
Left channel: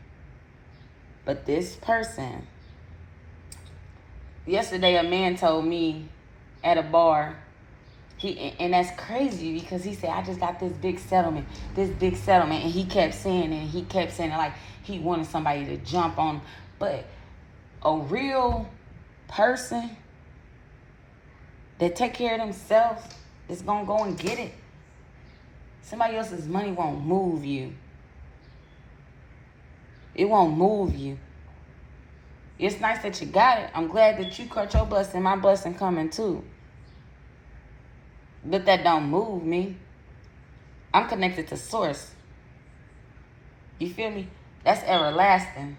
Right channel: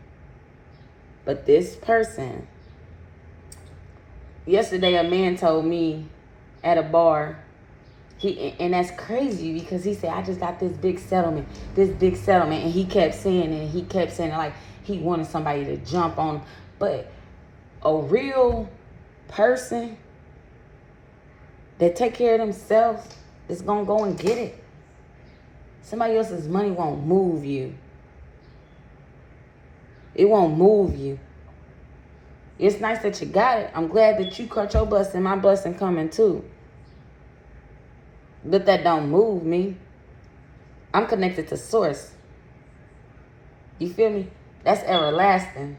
But this person, yesterday a man told me at a bar, and that's crazy because he said, I just got this big settlement, and he kept saying it like he wanted somebody to jump on him. But a real person that take care of themselves is gonna go and get it. Somebody else's money won't move you. It won't move you. It's nice that you got it. I'm glad that you caught your blessing. My blessing coming too. But that don't move me. I'm connected to source. You feel me? That's everlasting.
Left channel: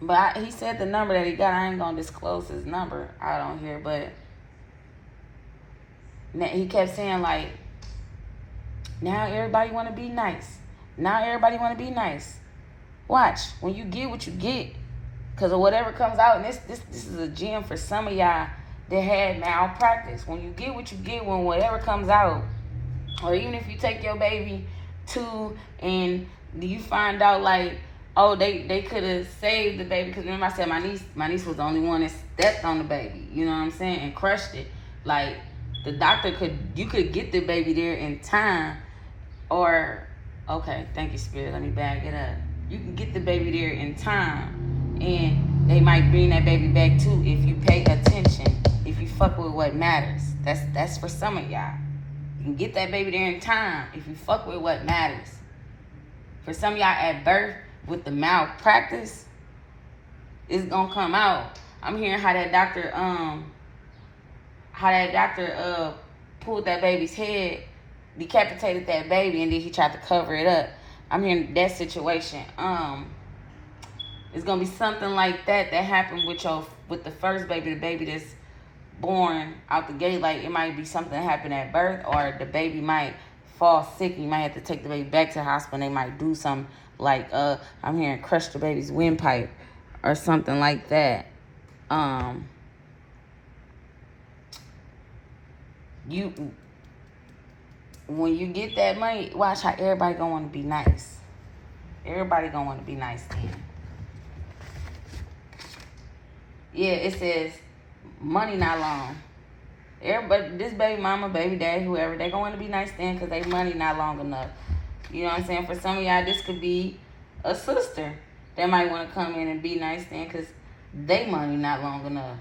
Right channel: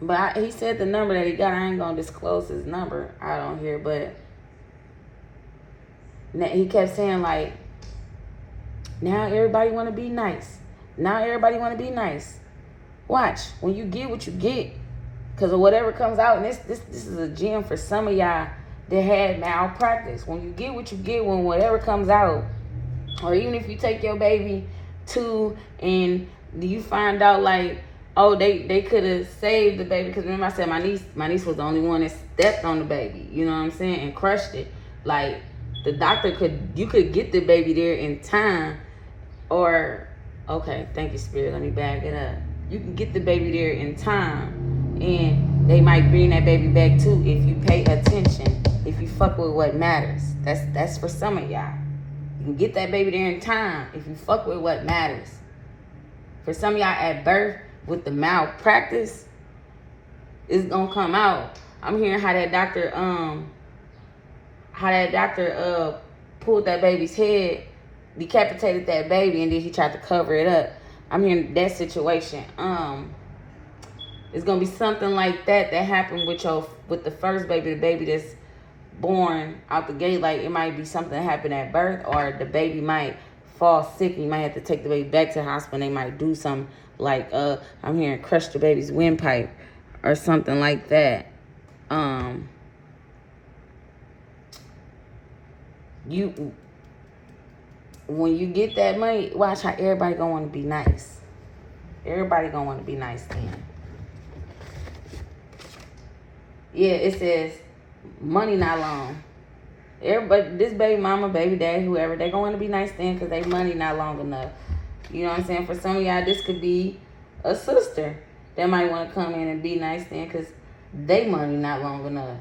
But he said the number that he got. I ain't going to disclose his number out on here. But he kept saying like, now everybody want to be nice. Now everybody want to be nice. Watch, when you get what you get, because of whatever comes out, and this is a gem for some of y'all that had malpractice. When you get what you get, when whatever comes out, or even if you take your baby to and you find out like, oh, they could have saved the baby. Because remember I said my niece was the only one that stepped on the baby, you know what I'm saying, and crushed it. Like the doctor you could get the baby there in time, or okay, thank you, Spirit, let me back it up. You can get the baby there in time, and they might bring that baby back too if you pay attention, if you fuck with what matters. That's for some of y'all. You can get that baby there in time if you fuck with what matters. For some of y'all at birth with the malpractice, it's gonna come out. I'm hearing how that doctor pulled that baby's head, decapitated that baby, and then he tried to cover it up. I'm hearing that situation. It's gonna be something like that happened with the first baby, the baby that's born out the gate. Like it might be something that happened at birth, or the baby might fall sick and you might have to take the baby back to the hospital. And they might do something like I'm hearing crush the baby's windpipe or something like that. When you get that money, watch how everybody gonna want to be nice. Everybody gonna want to be nice then. Yeah, it says money not long. Everybody, this baby mama, baby dad, whoever, they gonna want to be nice then because they money not long enough. You know what I'm saying? For some of y'all, this could be a sister that might want to come in and be nice then because they money not long enough.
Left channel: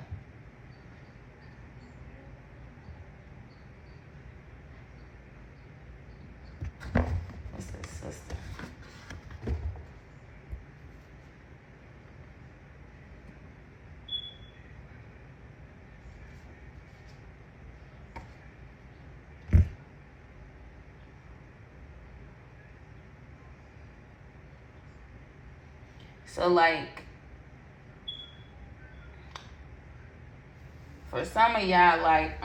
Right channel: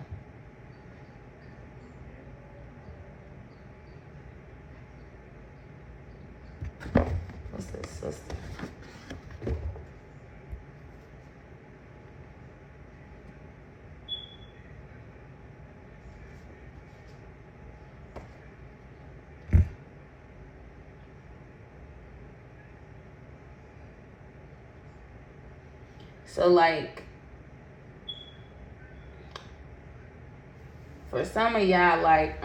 What's this sister? So like, for some of y'all, like,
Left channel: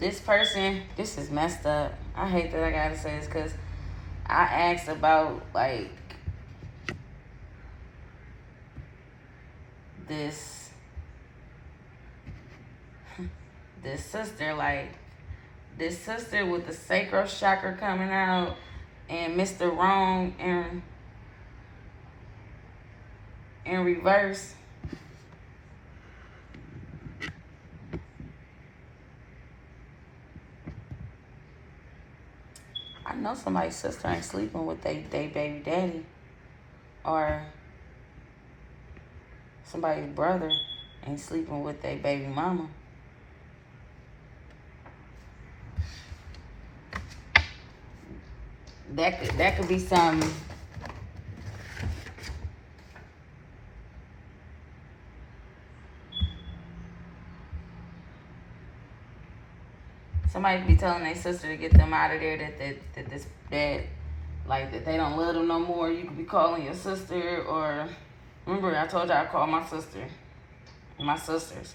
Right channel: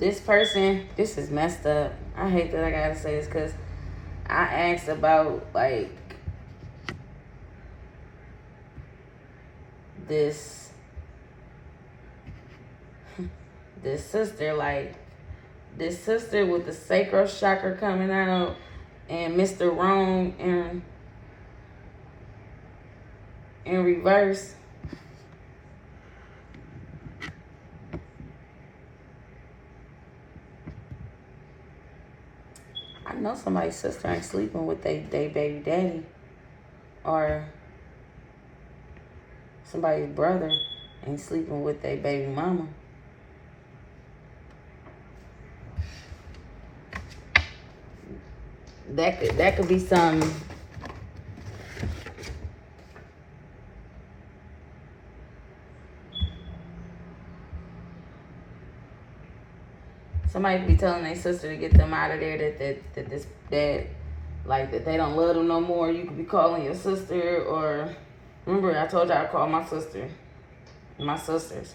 this person, this is messed up. I hate that I gotta say this because I asked about like this sister, like this sister with the sacral chakra coming out and Mr. Wrong in reverse. know somebody's sister ain't sleeping with they baby daddy, or somebody's brother ain't sleeping with their baby mama. That could be some. Somebody could be telling their sister to get them out of there, that like they don't love them no more. You could be calling your sister, or remember I told you I called my sister, my sisters.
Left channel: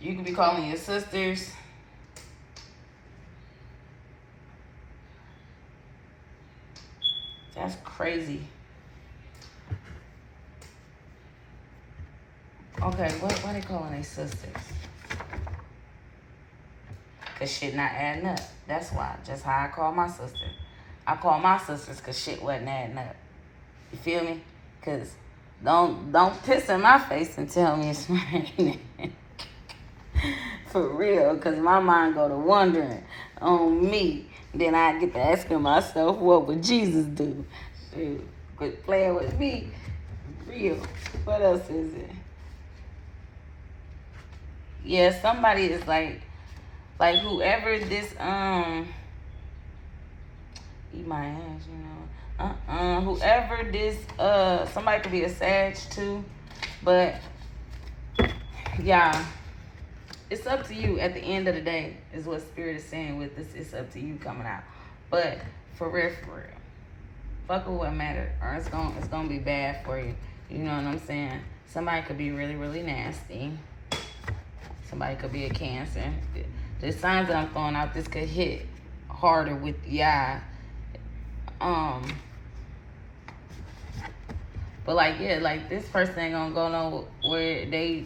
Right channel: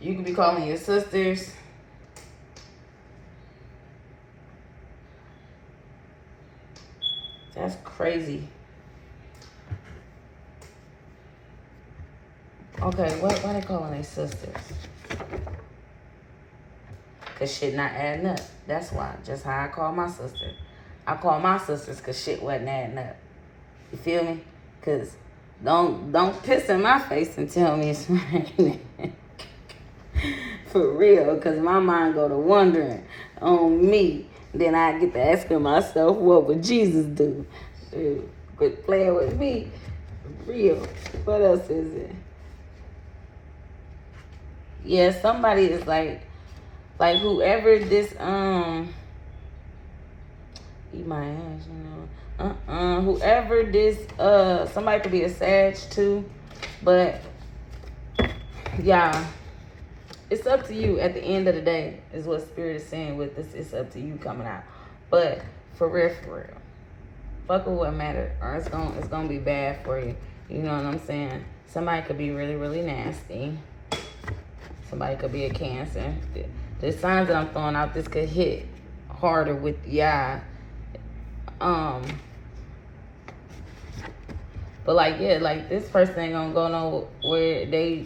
You could be calling your sisters. That's crazy. Okay, why they calling their sisters? Cause shit not adding up. That's why. Just how I call my sister. I call my sisters cause shit wasn't adding up. You feel me? Cause don't piss in my face and tell me it's raining. For real, cause my mind go to wondering on me. Then I get to asking myself, what would Jesus do? Dude, quit playing with me. Real. What else is it? Yeah, somebody is like whoever this eat my ass, you know. Whoever this somebody could be a Sag too, but yeah, it's up to you. At the end of the day, is what Spirit is saying with this. It's up to you coming out, but for real, fuck with what matter, or it's gonna be bad for you. You know what I'm saying? Somebody could be really, really nasty. Somebody could be a Cancer. The signs that I'm throwing out, this could hit harder with but like, yeah, like this person ain't gonna go nowhere. They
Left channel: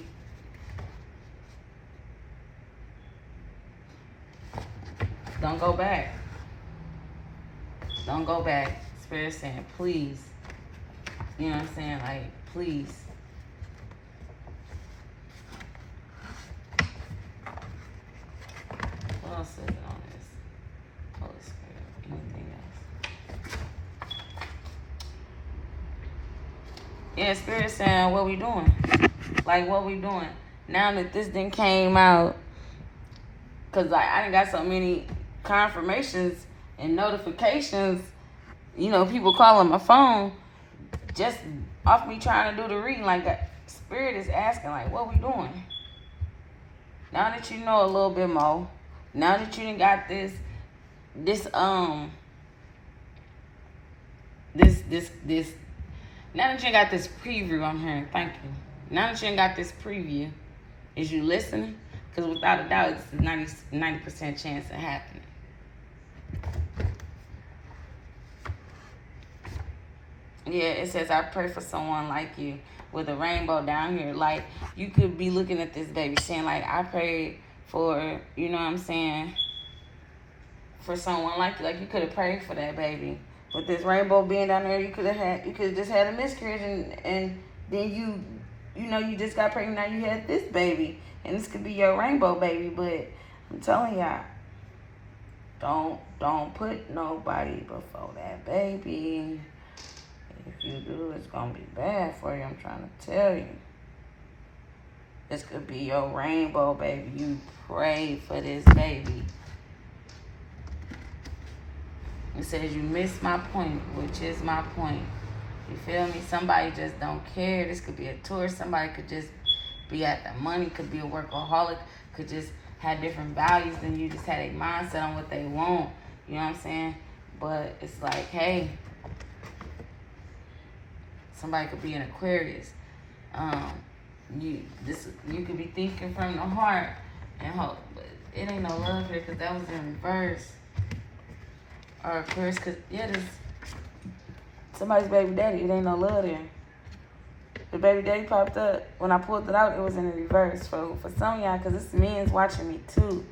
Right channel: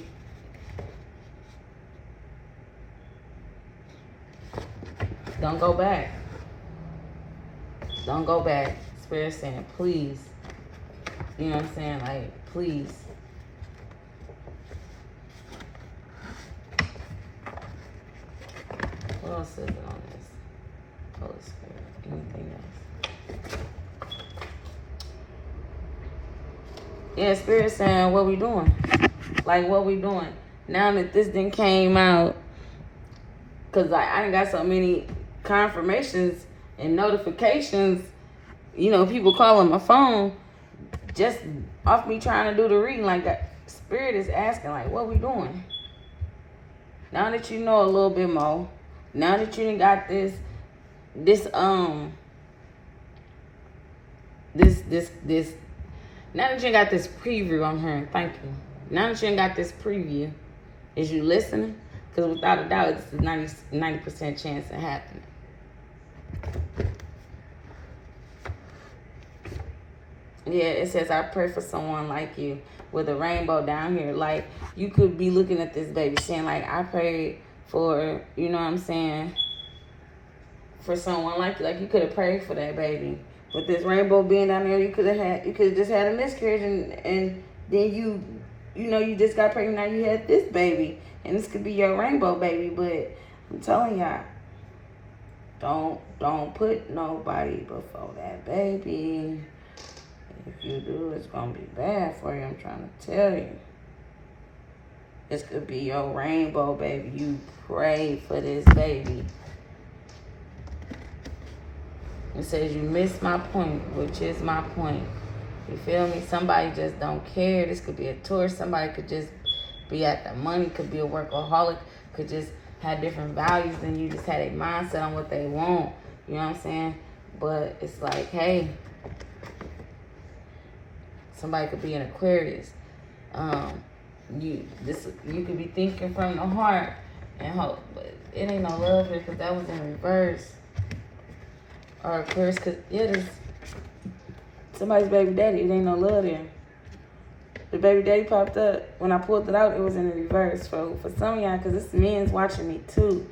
don't go back. Don't go back. Spirit saying, please. You know what I'm saying? Like, please. What else is it on this? Holy Spirit. Anything else? Yeah, Spirit saying, what we doing? Like, what we doing? Now that this thing came out, because like, I done got so many confirmations and notifications, you know, people calling my phone just off me trying to do the reading. Like, that Spirit is asking, like, what we doing? Now that you know a little bit more, now that you done got this now that you got this preview on here, thank you. Now that you got this preview, is you listening? Because without a doubt, it's a 90% chance of happening. Yeah, it says, I pray for someone like you, with a rainbow down here. Like, you could be looking at this baby saying, like, I prayed for, you know what I'm saying, for someone like you. Like, you could have prayed for that baby. With this rainbow being down there, you could have just had a miscarriage, and then you just got pregnant. Now you had this baby, and this could be your rainbow baby. But I'm telling y'all, don't put nobody before that baby. If you do, it's gonna be bad for you. I'm trying to tell you. This could be your rainbow baby. You prayed for this baby. It says you missed my point, which is my point. You feel me? Somebody just don't care. This could be a tourist. Somebody could just be at the money. Could be a workaholic. Could just have different values than you. Just had a mindset on what they want. You know what I'm saying? But it's like, hey, somebody could be an Aquarius. You could be thinking from the heart and hope, but it ain't no love here because that was in reverse. Or Aquarius, because there's somebody's baby daddy. It ain't no love there. The baby daddy popped up. When I pulled it out, it was in reverse. So for some of y'all, because this men's watching me too.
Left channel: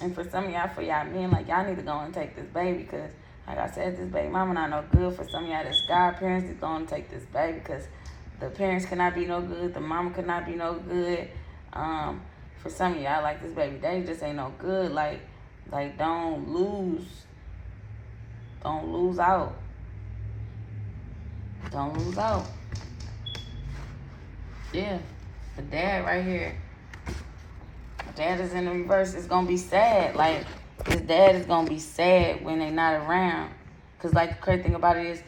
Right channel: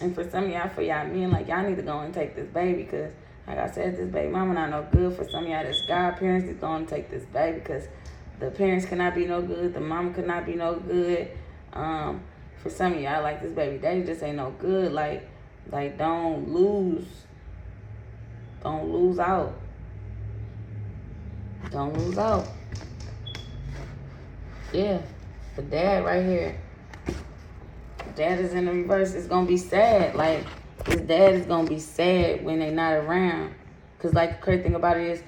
And for some of y'all, for y'all men, like, y'all need to go and take this baby. Because, like I said, this baby mama not no good. For some of y'all, that's godparents, is going to take this baby. Because the parents cannot be no good. The mama could not be no good. For some of y'all, like, this baby daddy just ain't no good. Like don't lose Don't lose out. Don't lose out. Yeah. The dad right here. Dad is in the reverse. It's gonna be sad. Like, his dad is gonna be sad when they're not around. Cause like the crazy thing about it is,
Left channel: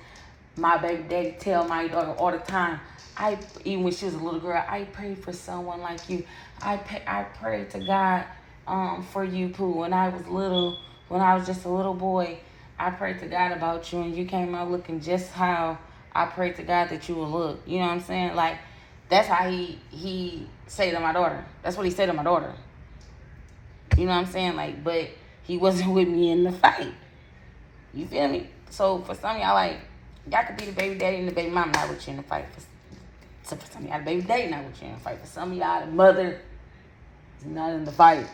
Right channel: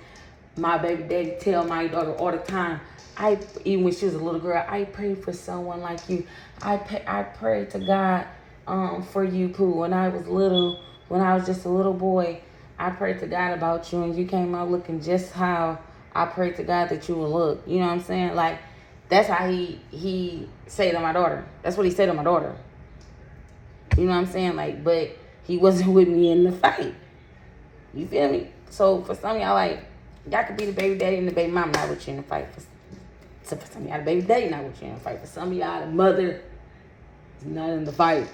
my baby daddy tell my daughter all the time, even when she was a little girl, I prayed for someone like you. I prayed to God for you, Pooh. When I was little, when I was just a little boy, I prayed to God about you, and you came out looking just how I prayed to God that you would look. You know what I'm saying? Like, that's how he say to my daughter. That's what he said to my daughter. You know what I'm saying? Like, but he wasn't with me in the fight. You feel me? So for some of y'all, like, y'all could be the baby daddy and the baby mom not with you in the fight. So for some of y'all, the baby daddy not with you in the fight. For some of y'all, the mother is not in the fight.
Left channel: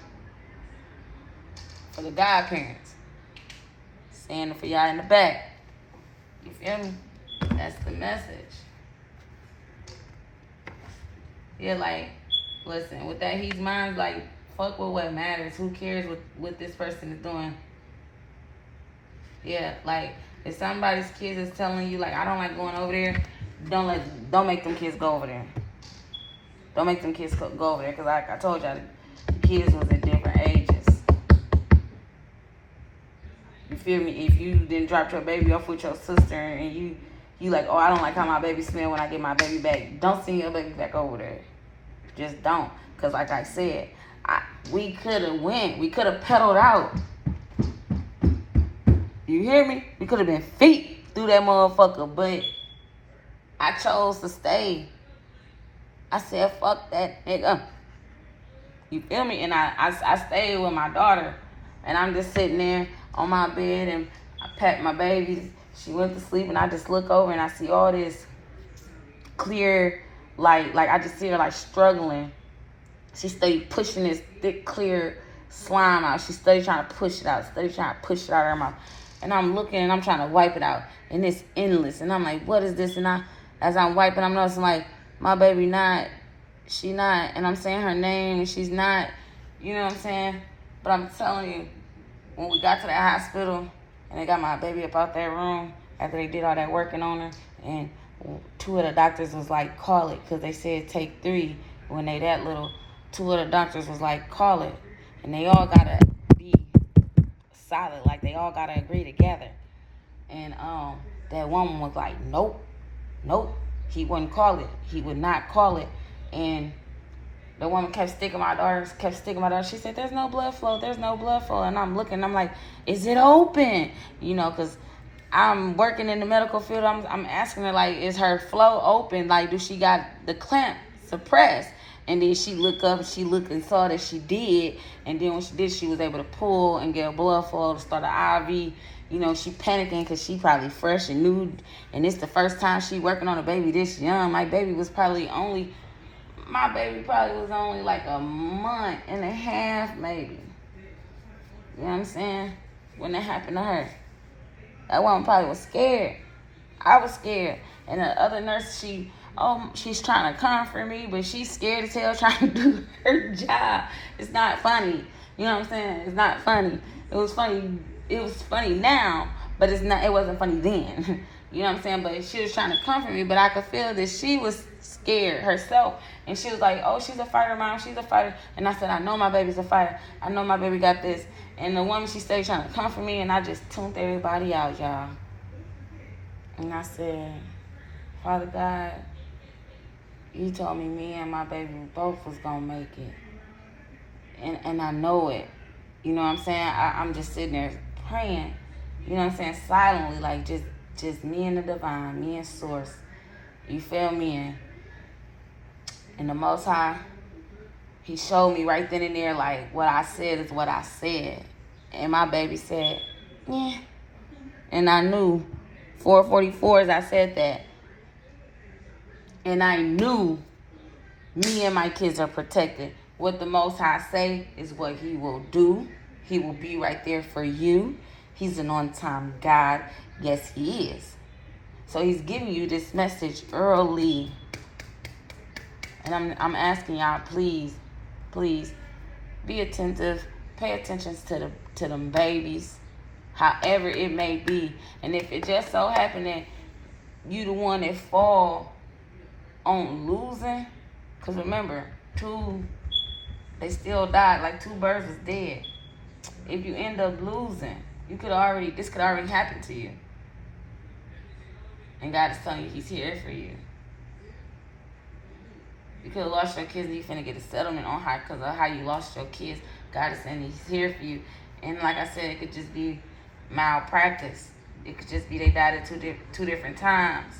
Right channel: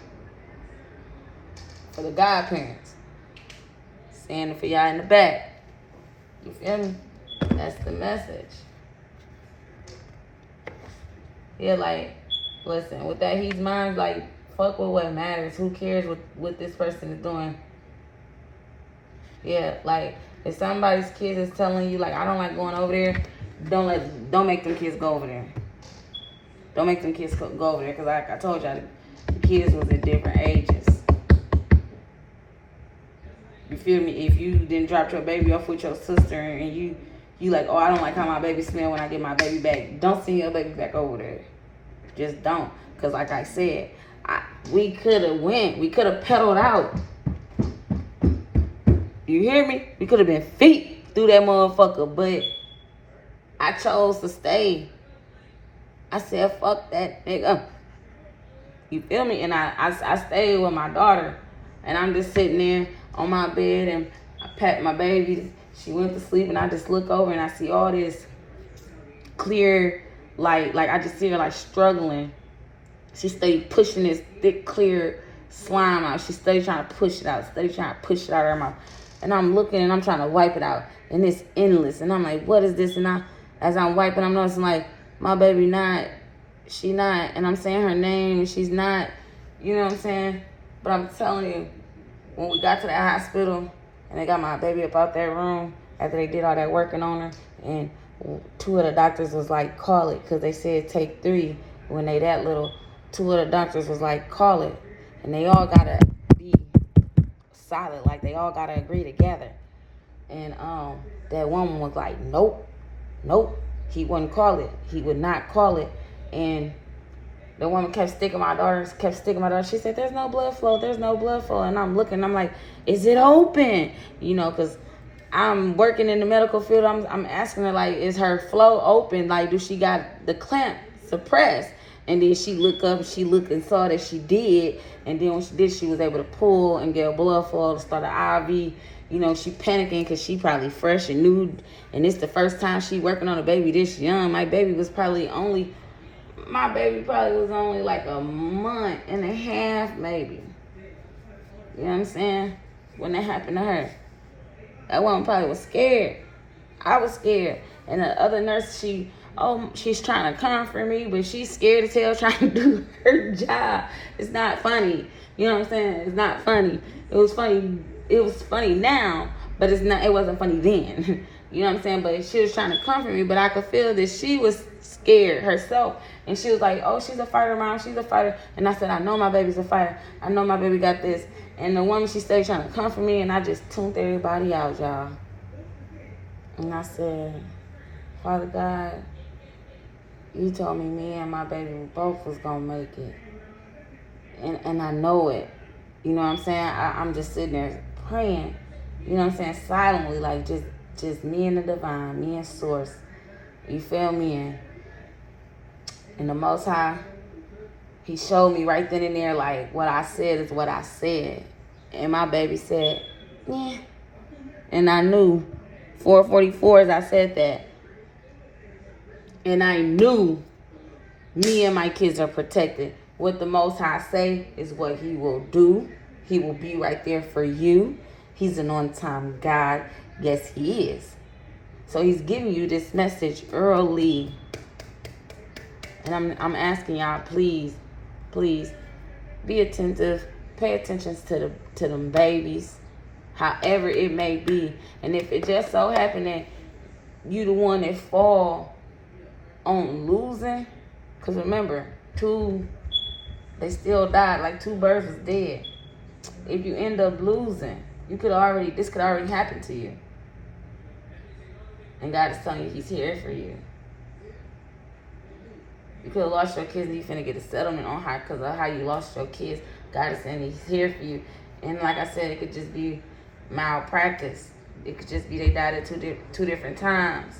For the godparents, standing for y'all in the back. You feel me? That's the message. Yeah, like, listen, with that he's mine, like, fuck with what matters. Who cares what this person is doing? Yeah, like, if somebody's kid is telling you, like, I don't like going over there, don't make them kids go over there. Don't make them kids go over there, because like I told y'all, the kids was at different ages. You feel me? If you didn't drop your baby off with your sister and you like, oh, I don't like how my baby smell when I get my baby back, don't send your baby back over there. Just don't. Because like I said, we could have went. We could have pedaled out. You hear me? We could have been feet through that motherfucker, but I chose to stay. I said, fuck that nigga. You feel me? And I stayed with my daughter, and I'm just sitting there on my bed, and I pat my baby. She went to sleep, and I just look over, and I see all this clear light. Like, I just see her, like, struggling. She stayed pushing this thick, clear slime out. She stayed trying to push it out, out of her mouth. And I'm looking, and I'm trying to wipe it out, and it's endless. And I'm like, what is this? And as I'm wiping, I'm noticing, like, my baby she not, and I'm saying her name, and she's not, you know what I'm saying? But I'm telling you, when we got to that hospital, and they got my baby up out that room, after they did all that working on her, and 2 of the doctors was like, call it, because they said take 3 when they that little. 2 of the doctors was like, call it. And they all gotta be solid, like they all gotta agree together. And that woman was like, nope, he wouldn't call it. He would not call it. And the woman kept sticking my daughter. She said, there's no blood flow. And I'm looking, I'm like, is it open? You know, because I'm working in the medical field. I'm asking her, like, is her flow open? Like, do she got the clamp suppressed? And then she looked up, and saw that she did. And then when she did, she was able to pull and get a blood flow to start an IV. You know, she panicking because she probably fresh and new. And it's the first time she working on a baby this young. My baby probably was only like a month and a half, maybe. You know what I'm saying? When that happened to her. That woman probably was scared. I was scared. And the other nurse, she's trying to comfort me, but she's scared as hell trying to do her job. It's not funny. You know what I'm saying? It's not funny. It was funny now, but it wasn't funny then. You know what I'm saying? But she was trying to comfort me, but I could feel that she was scared herself. And she was like, oh, she's a fighter, Mom. She's a fighter. And I said, I know my baby's a fighter. I know my baby got this. And the woman, she stayed trying to comfort me, and I just tuned everybody out, y'all. And I said, Father God, you told me and my baby both was going to make it. And I know it. You know what I'm saying? I'm just sitting there praying. You know what I'm saying? Silently, like just me and the divine, me and source. You feel me? And the Most High, he showed me right then and there, like, what I said is what I said. And my baby said, yeah. And I knew 444 as I said that. And I knew me and my kids are protected. What the Most High say is what he will do. He will be right there for you. He's an on-time God. Yes, he is. So he's giving you this message early. And I'm asking y'all, please, be attentive. Pay attention to them babies. however it may be. And if it just so happened that you the one that fall on losing, because remember, they still died, like 2 birds is dead. If you end up losing, this could already happen to you. And God is telling you He's here for you. You could have lost your kids and you finna get a settlement on how, because of how you lost your kids. God is saying He's here for you. And like I said, it could just be malpractice. It could just be they died at two different times.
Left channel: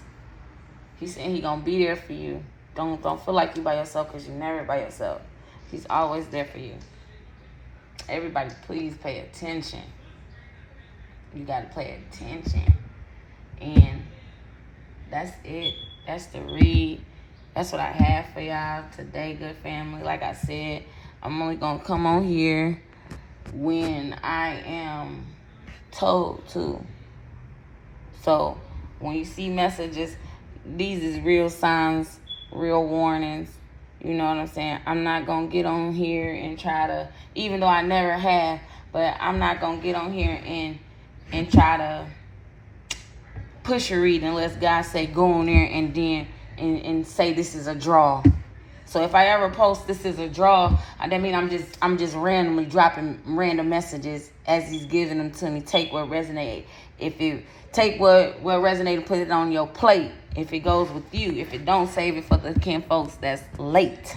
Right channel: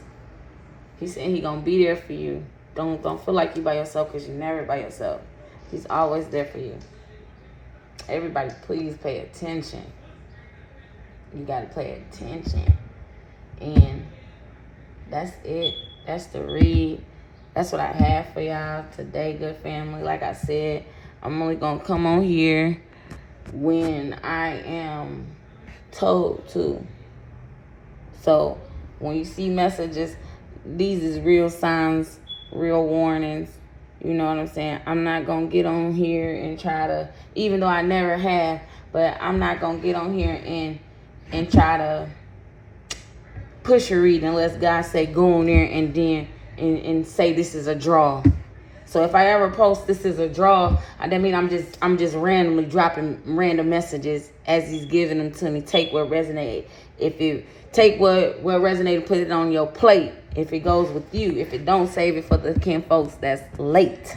He's saying He gonna be there for you. Don't feel like you by yourself, because you're never by yourself. He's always there for you. Everybody, please pay attention. You gotta pay attention. And that's it. That's the read. That's what I have for y'all today, good family. Like I said, I'm only gonna come on here when I am told to. So when you see messages, these is real signs, real warnings. You know what I'm saying? I'm not gonna get on here and try to, even though I never have, but I'm not gonna get on here and try to push a read unless God say go on there and then and say this is a draw. So if I ever post this is a draw, that mean I'm just randomly dropping random messages as He's giving them to me. Take what resonated. If it take what resonated, put it on your plate. If it goes with you, if it don't, save it for the kin folks that's late.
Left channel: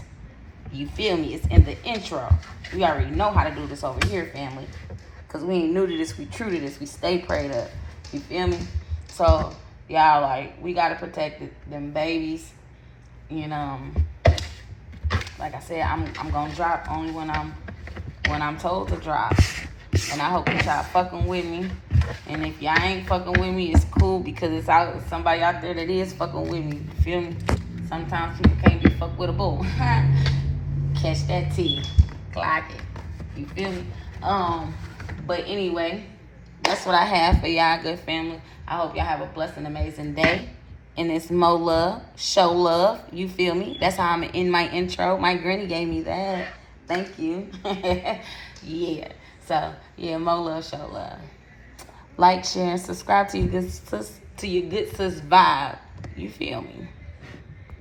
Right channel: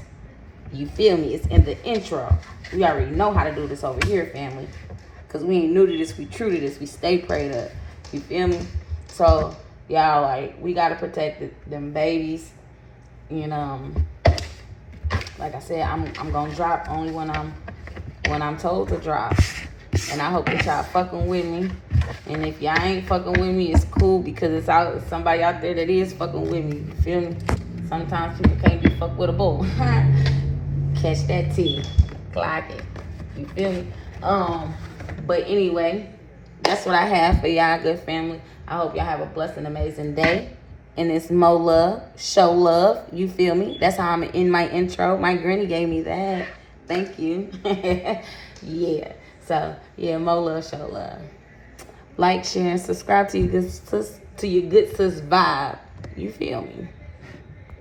You feel me? It's in the intro. We already know how to do this over here, family. Because we ain't new to this, we true to this. We stay prayed up. You feel me? So, y'all, like, we got to protect them babies. You know, like I said, I'm going to drop only when I'm told to drop. And I hope that y'all fucking with me. And if y'all ain't fucking with me, it's cool, because it's somebody out there that is fucking with me. You feel me? Sometimes people can't be fucked with a bull. Catch that tea. Clock it. You feel me? But anyway, that's what I have for y'all, good family. I hope y'all have a blessed and amazing day. And it's more love, show love. You feel me? That's how I'm in my intro. My granny gave me that. Thank you. Yeah. So, yeah, more love, show love. Like, share, and subscribe to your good sis vibe. You feel me?